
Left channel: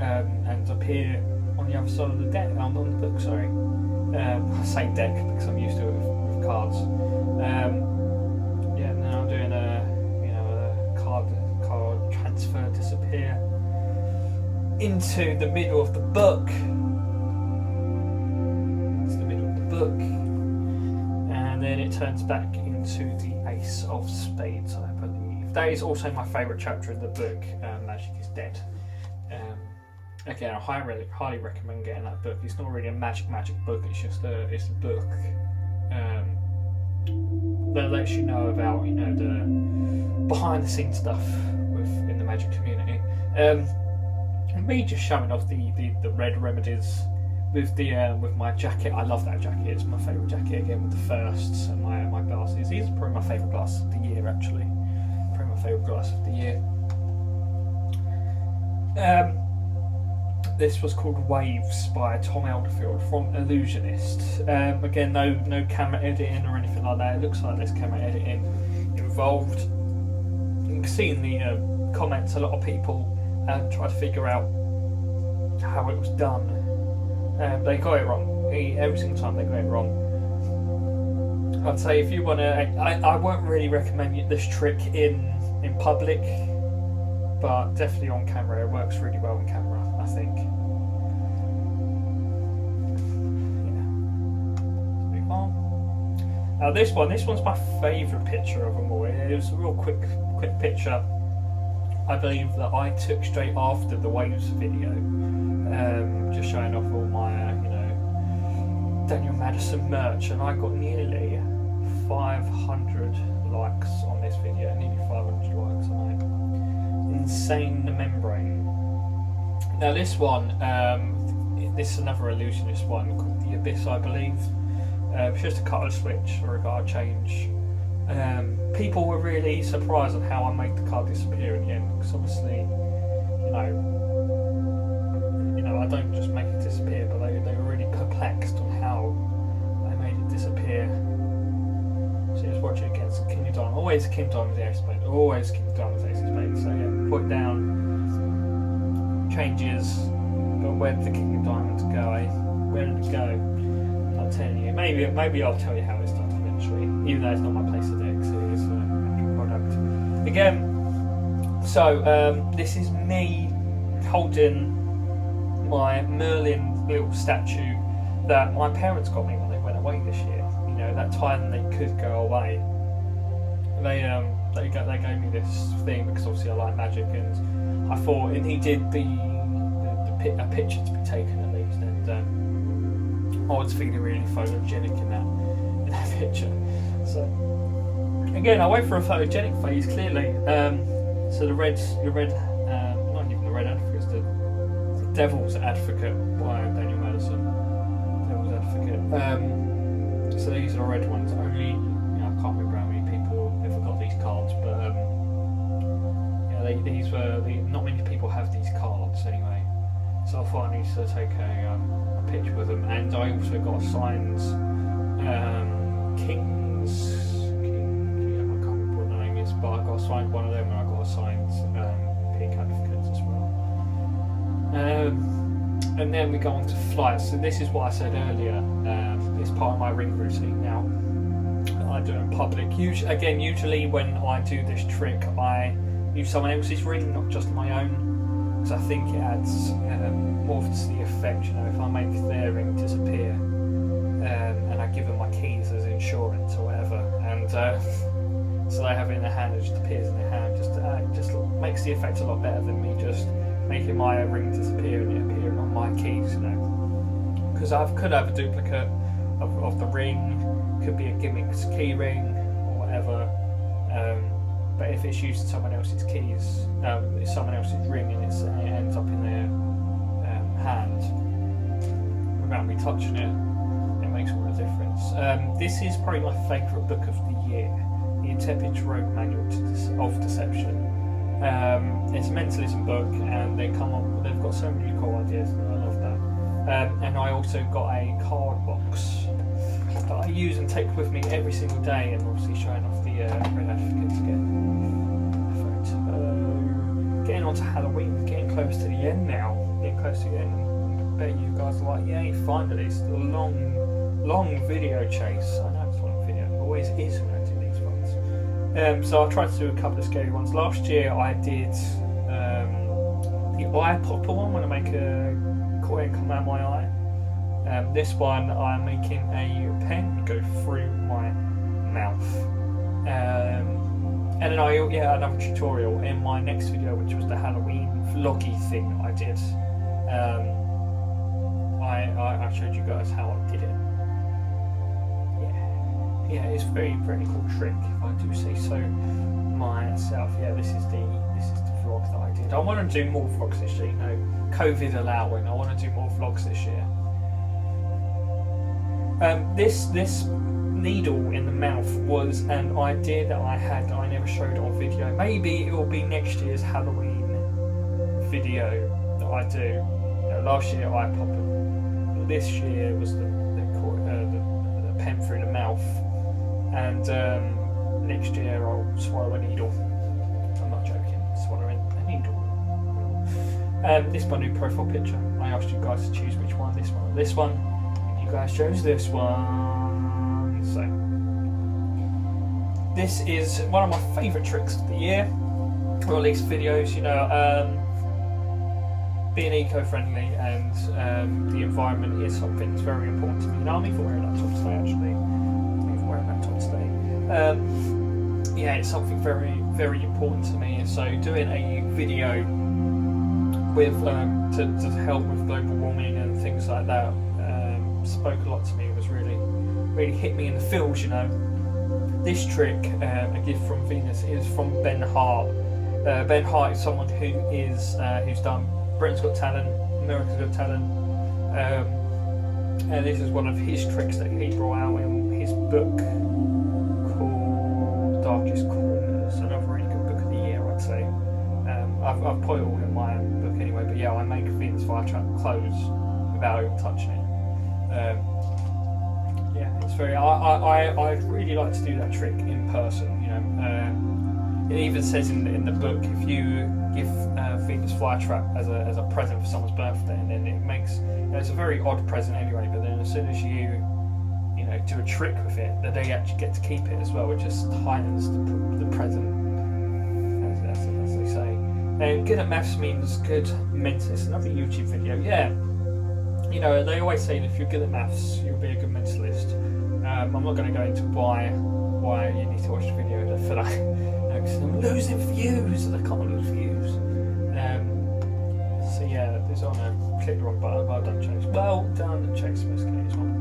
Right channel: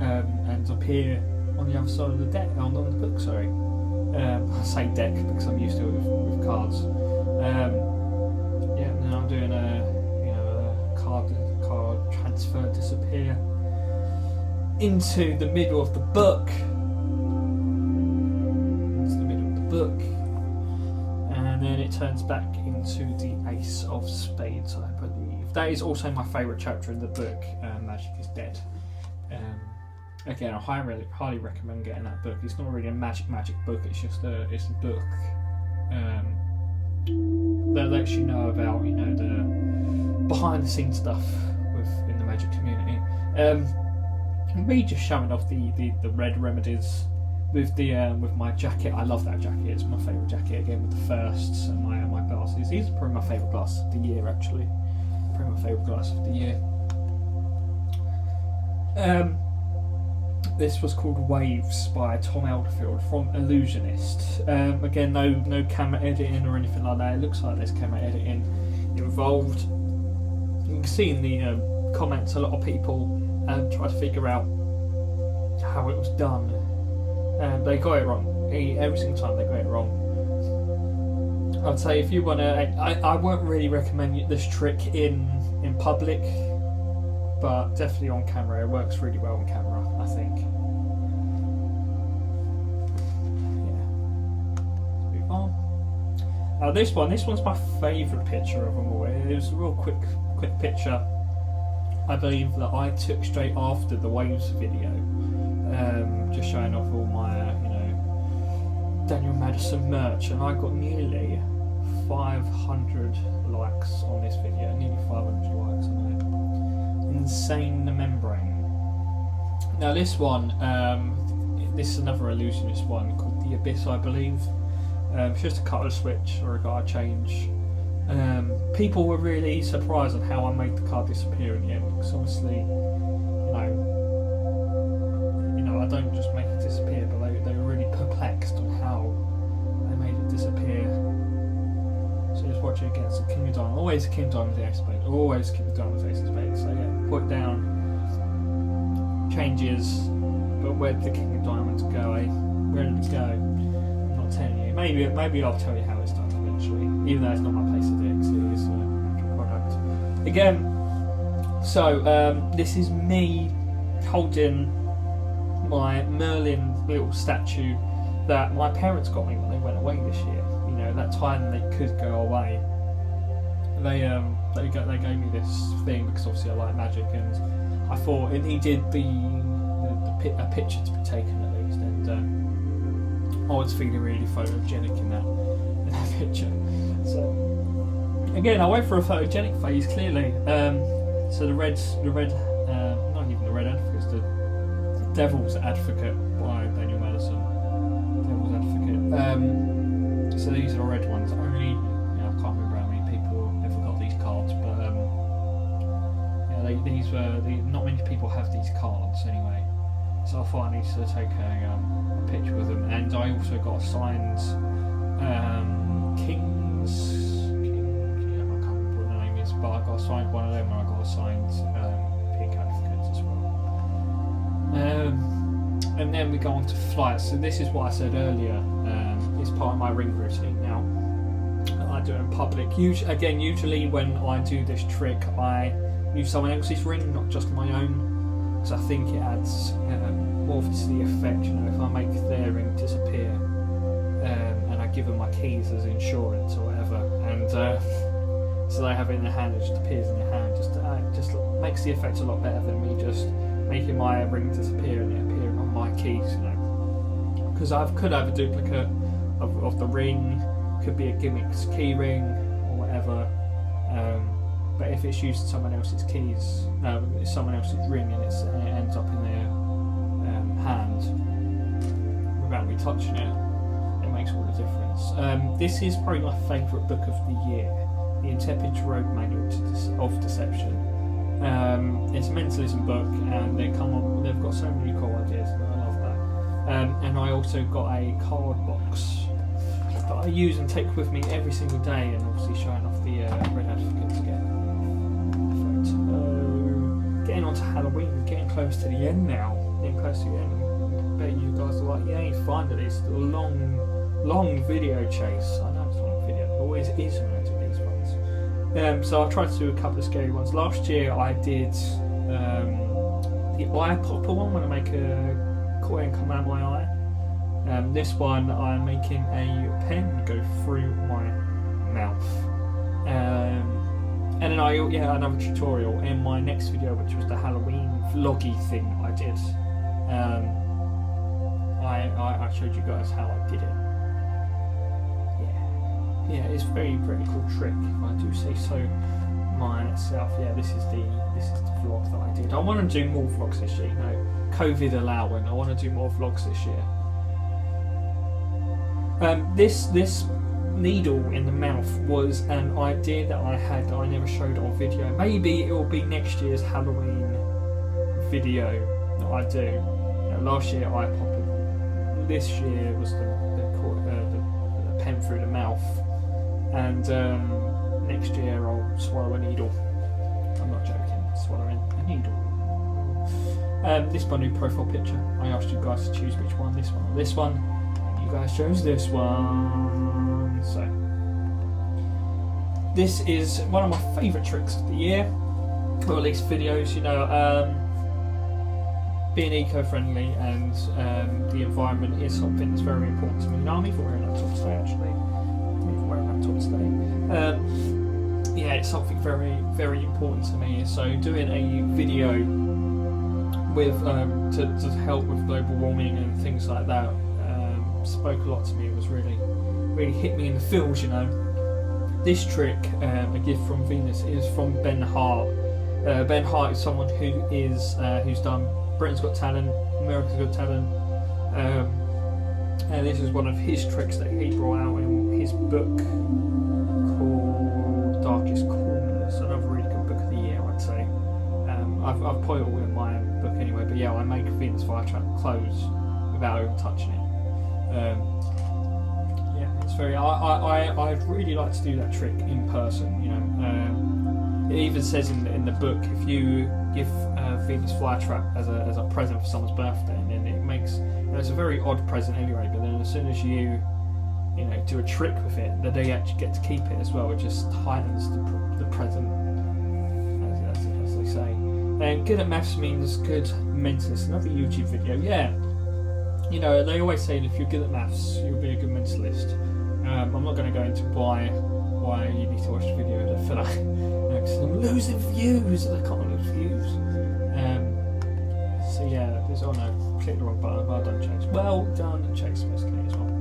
And appear on the other side of the deck, on the book, sorry. I say deck because I'm used to it with cards. Yeah, and then I'm doing a card transfer, disappear into the middle of the book. Into the middle of the book. And then it turns back into the Ace of Spades, I believe. That is also my favourite chapter in the book, Magic is Dead. Again, I highly recommend getting that book. It's not really a magic book. It's just a book that lets you know about, you know, the behind the scenes stuff in the magic community. Me just showing off the red remedies with my jacket. I love that jacket. It's my favourite jacket. Again with the firsts and my glasses. These are probably my favourite glasses of the year. Actually, probably my favourite glasses of the year. This was called Waves by Tom Elderfield from Illusionist. Again, no camera editing or anything like that. It looks like there's camera editing involved. You can see in the comments a lot of people try to figure out how it was done. They got it wrong. Every single time they got it wrong. I'd say if you want to... I won't really recommend this trick in public. But definitely on camera, it works really well on camera, I think. Yeah. Let's move on. Now this one's my favourite picture of them all. It was a real quick picture. I believe that I took straight after the Waves video, just showing off all my, Daniel Madison merch, and I got nearly 500 likes on this video. Nearly 500 likes on it. Insane the membrane. Now this one, this is another illusionist one called The Abyss, I believe. It's just a colour switch or a card change. People were really surprised on how I made the card disappear in the end, because obviously, I don't just make it disappear, but they were really perplexed on how I made it disappear. So just watch it against the King of Diamonds. Always King of Diamonds, the Ace of Spades. Always King of Diamonds, Ace of Spades. So yeah, put it down, changes, but where did the King of Diamonds go, eh? Where did it go? I'm not telling you. Maybe I'll tell you how it's done eventually, even though it's not my place to do it, it is an actual product. Again, so this is me holding my Merlin little statue that my parents got me when they went away this year. That time they could go away, they gave me this thing because obviously I like magic, and I thought it needed a picture to be taken at least, and I was feeling really photogenic in that picture. So again, I went for a photogenic phase clearly. So the red, not even the red advocate, it's the Devil's Advocate by Daniel Madison. Devil's Advocate. So these are the red ones. Only, I can't remember how many people ever got these cards, but these were not many people have these cards anyway. So I thought I needed to take a picture with them, and I also got signed I can't remember what the name is, but I got assigned one of them, and I got assigned pink advocates as well. And then we go on to flights. So this is what I said earlier. It's part of my ring routine now. I do it in public. Usually when I do this trick, I use someone else's ring, not just my own, because I think it adds more to the effect. You know, if I make their ring disappear, and I give them my keys as insurance or whatever, and so they have it in their hand, it just appears in their hand, just makes the effect a lot better than me just making my ring disappear and it appearing on my keys, you know. Because I could have a duplicate of the ring, could be a gimmick key ring or whatever, but if it's using someone else's keys, it's someone else's ring, and it ends up in their hand without me touching it, it makes all the difference. This is probably my favourite book of the year, The Intrepid Rogue Manual of Deception. It's a mentalism book, and they've got so many cool ideas, and I love that. And I also got a card box that I use and take with me every single day, and obviously showing off the red advocates again. Getting on to Halloween, getting close to the end now. Getting close to the end. I bet you guys are like, yay, finally, it's a long video chase. I know it's a long video, it always is when I do these ones. So I tried to do a couple of scary ones. Last year I did the eye popper one, when I make a coin come out of my eye. This one I'm making a pen go through my mouth. And then another tutorial in my next video, which was the Halloween vloggy thing I did. I showed you guys how I did it. Yeah, it's a very, very cool trick, if I do say so myself. Yeah, this is the vlog that I did. I want to do more vlogs this year, you know, COVID allowing. I want to do more vlogs this year. This needle in the mouth was an idea that I had that I never showed on video. Maybe it will be next year's Halloween video that I do. You know, last year eye popping. This year was the pen through the mouth. And next year I'll swallow a needle. I'm not joking, swallowing a needle. This is my new profile picture. I asked you guys to choose which one, this one or this one. And you guys chose this one. So, this is one of my favourite tricks of the year. Or at least videos, you know. Being eco-friendly and the environment is something that's very important to me. I'm even wearing that top today, actually. Yeah, it's something very, very important to me. So doing a video with to help with global warming and things like that spoke a lot to me. It was really hit me in the feels, you know. This trick, A Gift from Venus, is from Ben Hart. Ben Hart is someone who's done Britain's Got Talent, America's Got Talent, and this is one of his tricks that he brought out in his book called Darkest Corners. Another really good book of the year, I'd say. I've put it all in my book anyway, but yeah, I make Venus flytrap close without even touching it. Yeah, it's very. I'd really like to do that trick in person. You know, it even says in the book, if you give Venus flytrap as a present for someone's birthday, and then it makes, you know, it's a very odd present anyway. But then as soon as you know, do a trick with it, then they actually get to keep it as well. It just heightens the present, as they say. And good at maths means good mentalist. Another YouTube video, yeah. You know, they always say that if you're good at maths, you'll be a good mentalist. I'm not going to go into why you need to watch the video for that, because I'm losing views and I can't lose views. So yeah, there's no, click the wrong button. Well done, Chase. Well done, Chase. As well.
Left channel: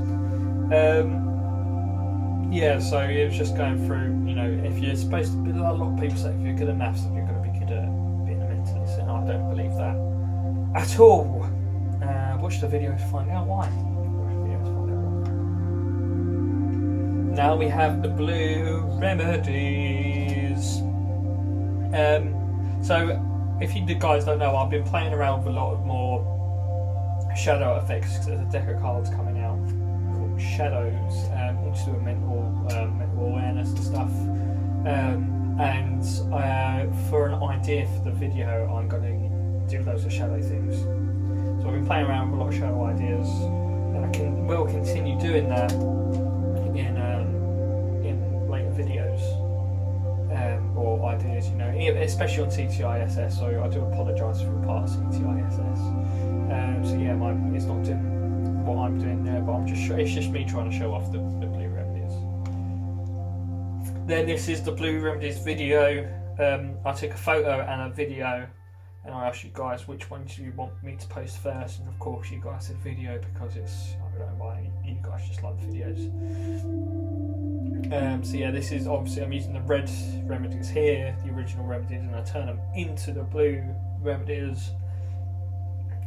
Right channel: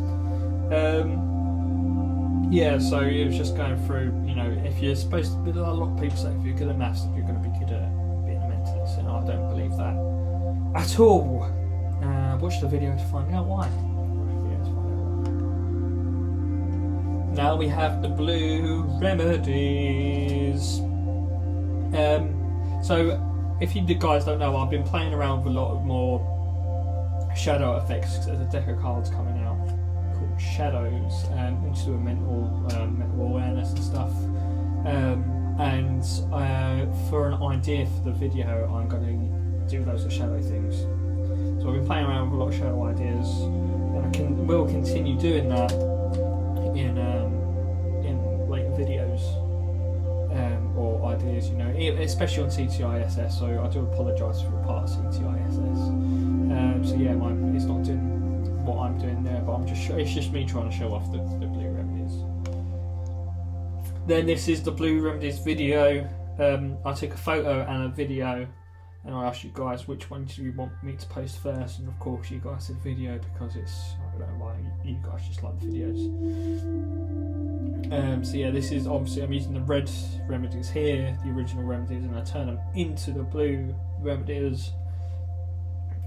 Yeah, so it was just going through. You know, if you're supposed to be, a lot of people say if you're good at maths, then you're going to be good at being a mentalist, and I don't believe that at all. Watch the video to find out why. Now we have the blue remedies. So if you guys don't know, I've been playing around with a lot of more shadow effects. There's a deck of cards coming out called shadows, also do a mental awareness and stuff. And for an idea for the video, I'm going to do loads of shadow things. So I've been playing around with a lot of shadow ideas, and will continue doing that in later videos, or ideas, especially on CTISS. So I do apologise for the part of CTISS. So yeah, it's not doing what I'm doing there, but it's just me trying to show off the blue remedies. Then this is the blue remedies video. I took a photo and a video, and I asked you guys which one do you want me to post first, and of course you guys said video because I don't know why, you guys just like the videos. So yeah, this is obviously, I'm using the red remedies here, the original remedies, and I turn them into the blue remedies,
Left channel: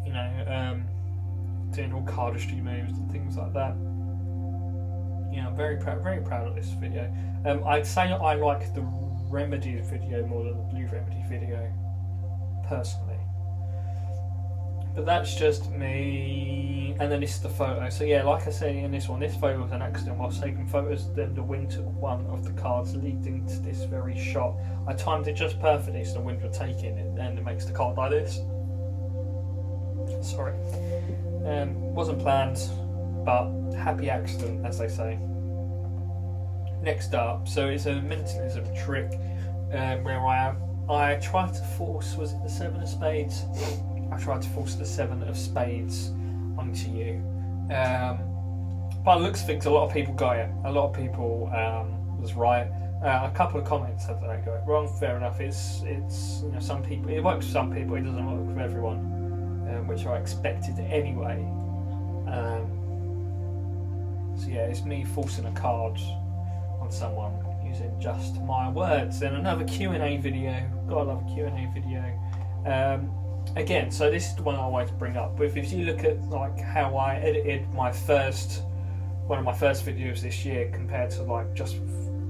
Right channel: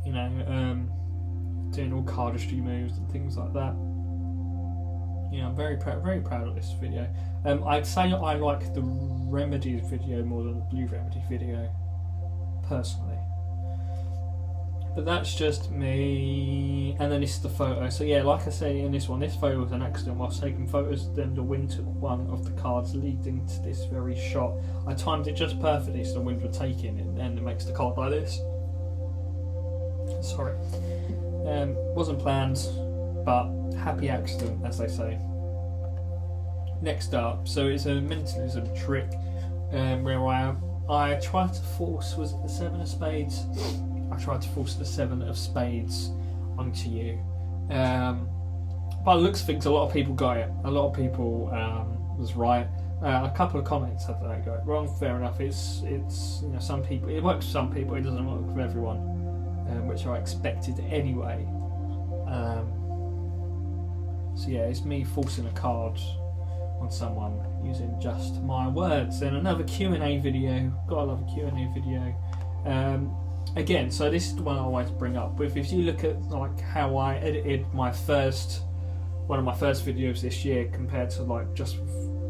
doing all cardistry moves and things like that. I'm very proud of this video. I'd say I like the remedies video more than the blue remedy video, personally. But that's just me. And then this is the photo. So yeah, like I say in this one, this photo was an accident whilst taking photos. Then the wind took one of the cards leading to this very shot. I timed it just perfectly so the wind would take in, and it makes the card like this. Sorry. Wasn't planned, but happy accident, as they say. Next up, so it's a mentalism trick, where I tried to force, was it the 7 of spades? I tried to force the 7 of spades onto you. By the looks of things, a lot of people got it. A lot of people was right. A couple of comments said that I got it wrong. Fair enough. It's some people, it works for some people, it doesn't work for everyone, which I expected anyway. So yeah, it's me forcing a card on someone using just my words. Then another Q&A video. Gotta love a Q&A video. Again, so this is the one I always bring up. But if you look at like how I edited one of my first videos this year compared to like just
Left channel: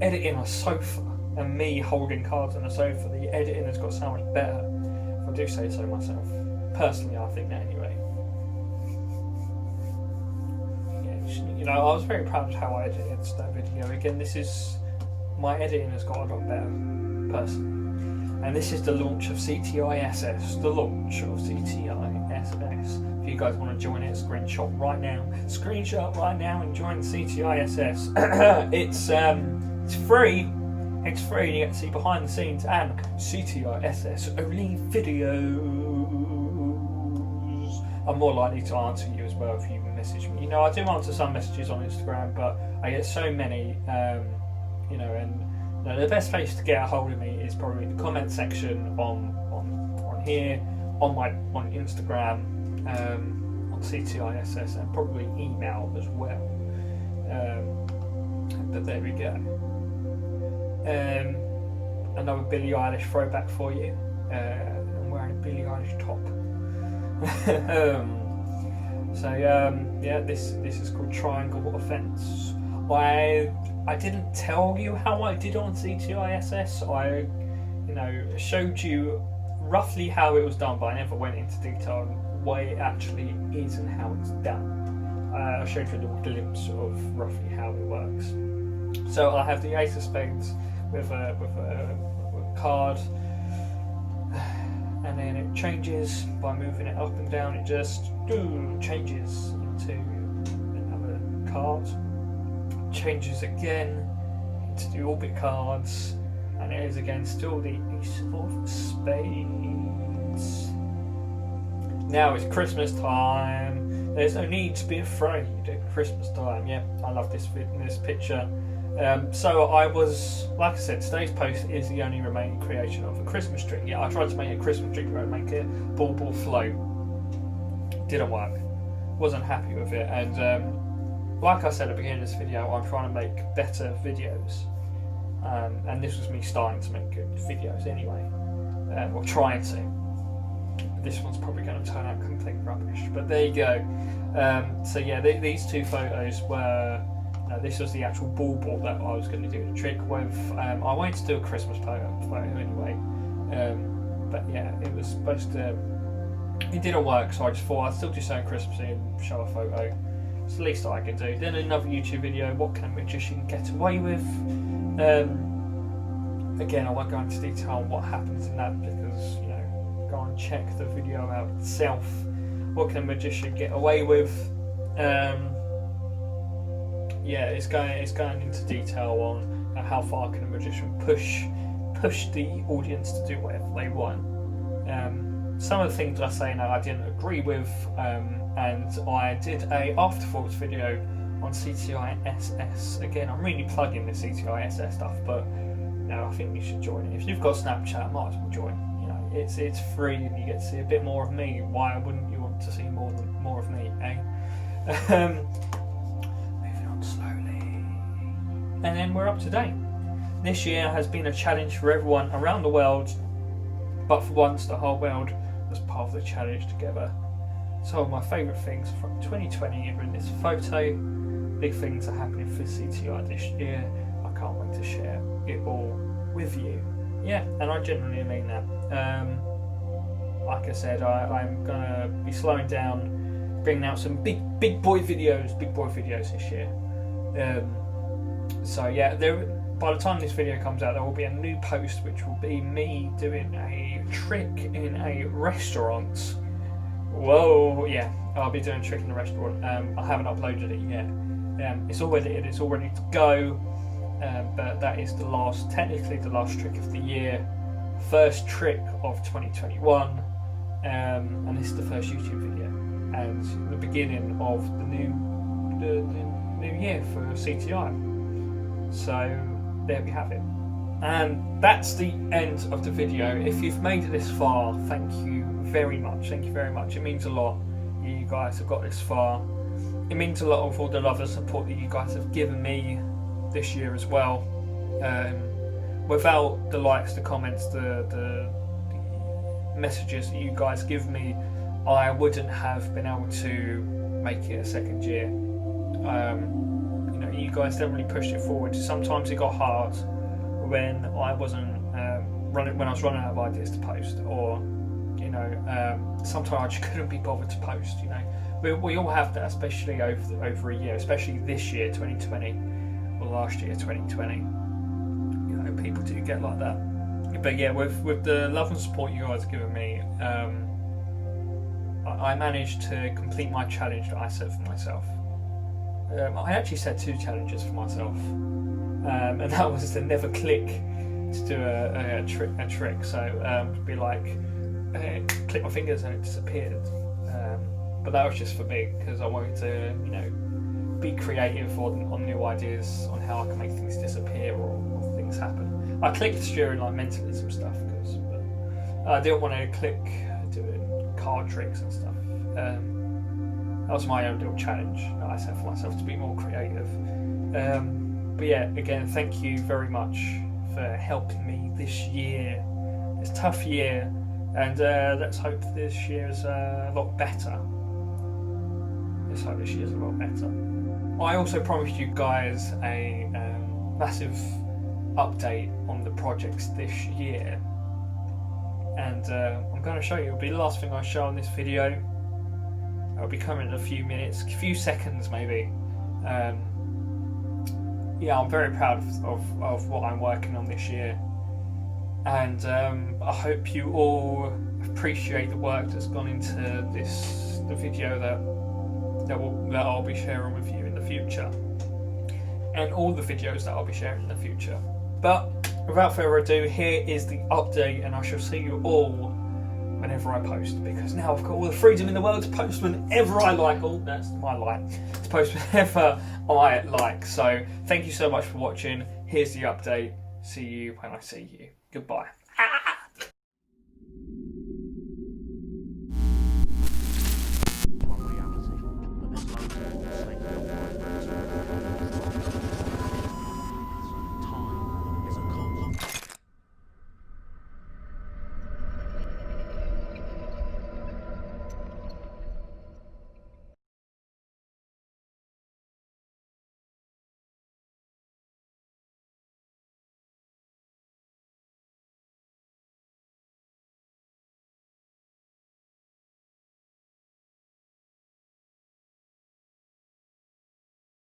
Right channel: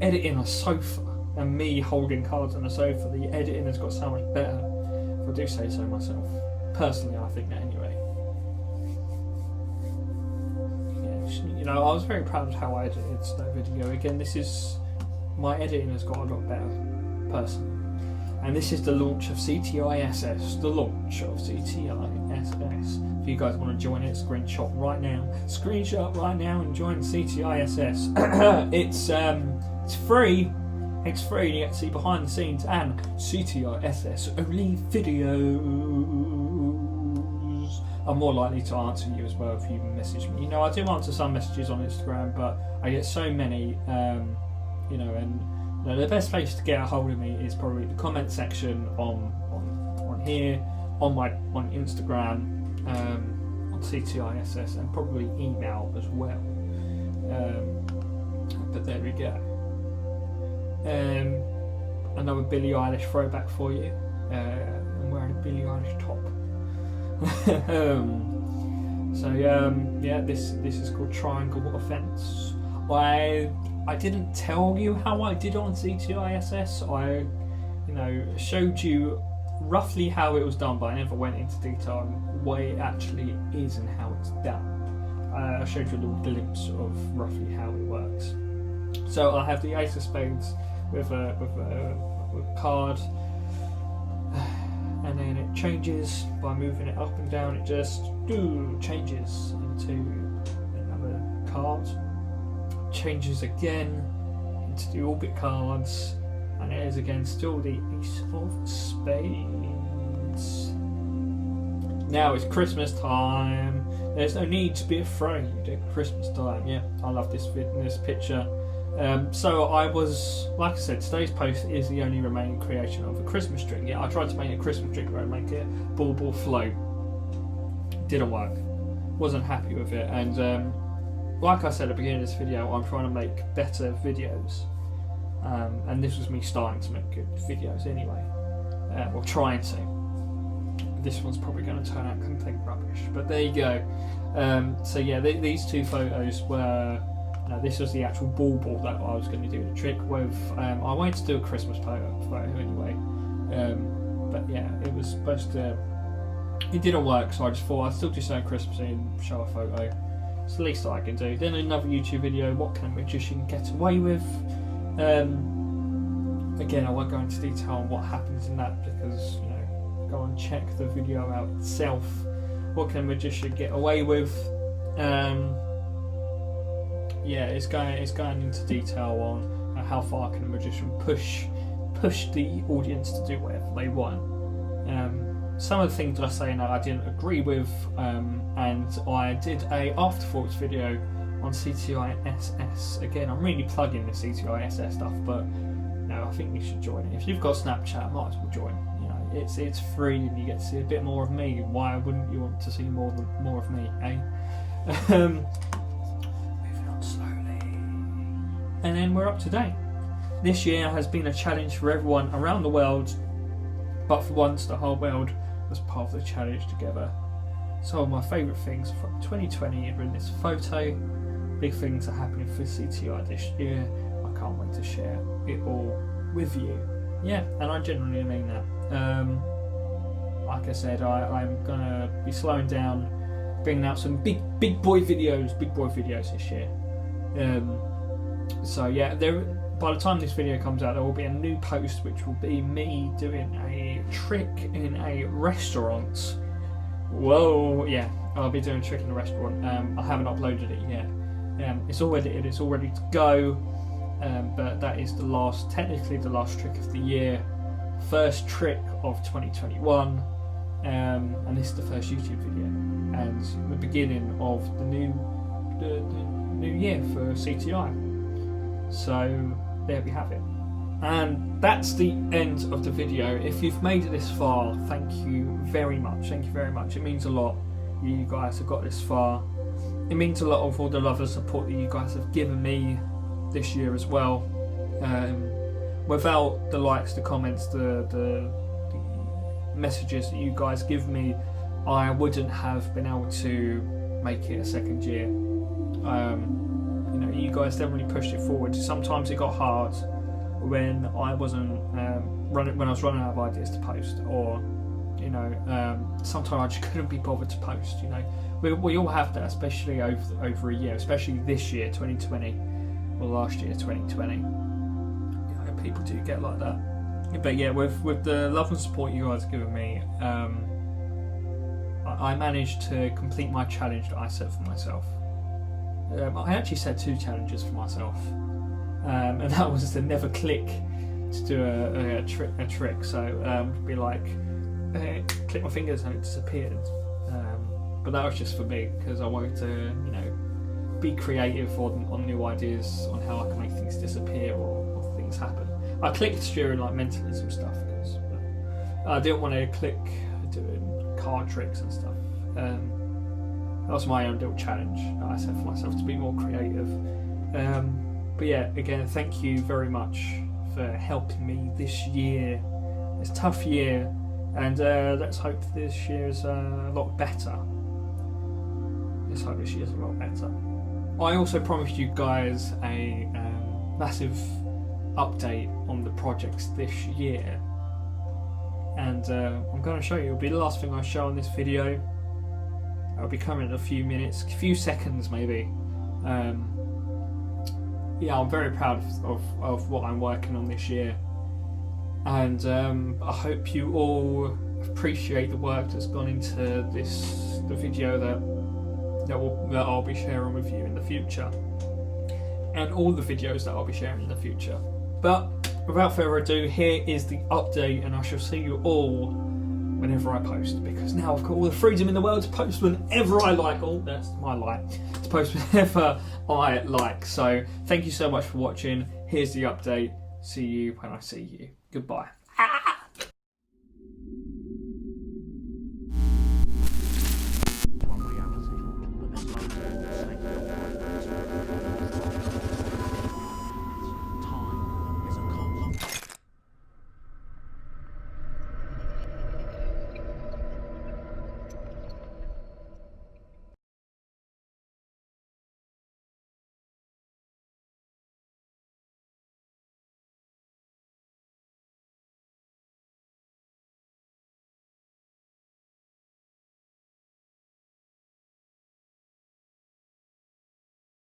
editing a sofa and me holding cards on a sofa, the editing has got so much better. If I do say so myself. Personally, I think that anyway. I was very proud of how I edited that video. Again, my editing has got a lot better, personally. And this is the launch of CTISS. The launch of CTISS. If you guys want to join it, screenshot right now and join CTISS. It's free. It's free. You get to see behind the scenes and CTISS only videos. I'm more likely to answer you as well if you message me. I do answer some messages on Instagram, but I get so many, and the best place to get a hold of me is probably the comment section on here, on Instagram, on CTISS, and probably email as well. But there we go. Another Billie Eilish throwback for you. I'm wearing a Billie Eilish top. This is called Triangle Offence. I didn't tell you how I did on CTISS. I showed you roughly how it was done, but I never went into detail on what it actually is and how it's done. I showed you a little glimpse of roughly how it works. So I have the Ace of Spades with a card. And then it changes by moving it up and down. It just changes into another card. Changes again into the orbit cards, and it is again still the Ace of Spades. Now it's Christmas time. There's no need to be afraid at Christmas time. Yeah, I love this picture. So I was, like I said, today's post is the only remaining creation of a Christmas tree. Yeah, I tried to make a Christmas tree where I'd make it ball float. Didn't work. Wasn't happy with it. And like I said at the beginning of this video, I'm trying to make better videos. And this was me starting to make good videos anyway. Or trying to. This one's probably going to turn out complete rubbish. But there you go. So yeah, these two photos were... this was the actual bauble that I was going to do the trick with. I wanted to do a Christmas photo anyway, but yeah, it was supposed to. It didn't work, so I just thought I'd still do something Christmassy and show a photo. It's the least I can do. Then another YouTube video, what can a magician get away with? Again, I won't go into detail on what happens in that because, you know, go and check the video out itself. What can a magician get away with? Yeah, it's going into detail on how far can a magician push the audience to do whatever they want. Some of the things that I say now I didn't agree with, and I did a afterthoughts video on CTISS. Again, I'm really plugging the CTISS stuff, but no, I think you should join it. If you've got Snapchat, might as well join. You know, it's free and you get to see a bit more of me. Why wouldn't you want to see more of me, eh? Moving on slowly, and then we're up to date. This year has been a challenge for everyone around the world, but for once the whole world was part of the challenge together. Some of my favourite things from 2020 are in this photo. Big things are happening for CTI this year. I can't wait to share it all with you. Yeah, and I genuinely mean that. Like I said, I'm gonna be slowing down, bringing out some big boy videos this year. So yeah, by the time this video comes out, there will be a new post which will be me doing a trick in a restaurant. Whoa, yeah, I'll be doing a trick in a restaurant. I haven't uploaded it yet. It's all edited, it's all ready to go. But that is technically the last trick of the year, first trick of 2021, and this is the first YouTube video and the beginning of the new year for CTI. So there we have it, and that's the end of the video. If you've made it this far, thank you very much. Thank you very much. It means a lot. You guys have got this far. It means a lot of all the love and support that you guys have given me this year as well. Without the likes, the comments, the messages that you guys give me, I wouldn't have been able to make it a second year. You know, you guys definitely pushed it forward. Sometimes it got hard when I wasn't when I was running out of ideas to post, or you know, sometimes I just couldn't be bothered to post. You know, we all have that, especially over a year, especially this year, 2020. Or last year, 2020. You know, people do get like that. But yeah, with the love and support you guys have given me, I managed to complete my challenge that I set for myself. I actually set 2 challenges for myself, and that was to never click to do a trick. So be like, click my fingers and it disappeared. But that was just for me because I wanted to, you know, be creative on new ideas on how I can make things disappear or things happen. I clicked during like mentalism stuff because I didn't want to click doing card tricks and stuff. That was my own little challenge that I set for myself to be more creative. But yeah, again, thank you very much for helping me this year. It's a tough year, and let's hope this year is a lot better. Let's hope this year's a lot better. I also promised you guys a massive update on the projects this year, and I'm going to show you. It'll be the last thing I show on this video. It'll be coming in a few minutes, a few seconds maybe. Yeah, I'm very proud of what I'm working on this year, and I hope you all appreciate the work that's gone into the video that I'll be sharing with you in the future, and all the videos that I'll be sharing in the future. But without further ado, here is the update, and I shall see you all whenever I post, because now I've got all the freedom in the world to post whenever I like. Oh, that's my light. To post whenever I like. So thank you so much for watching. Here's the update. See you when I see you. Goodbye.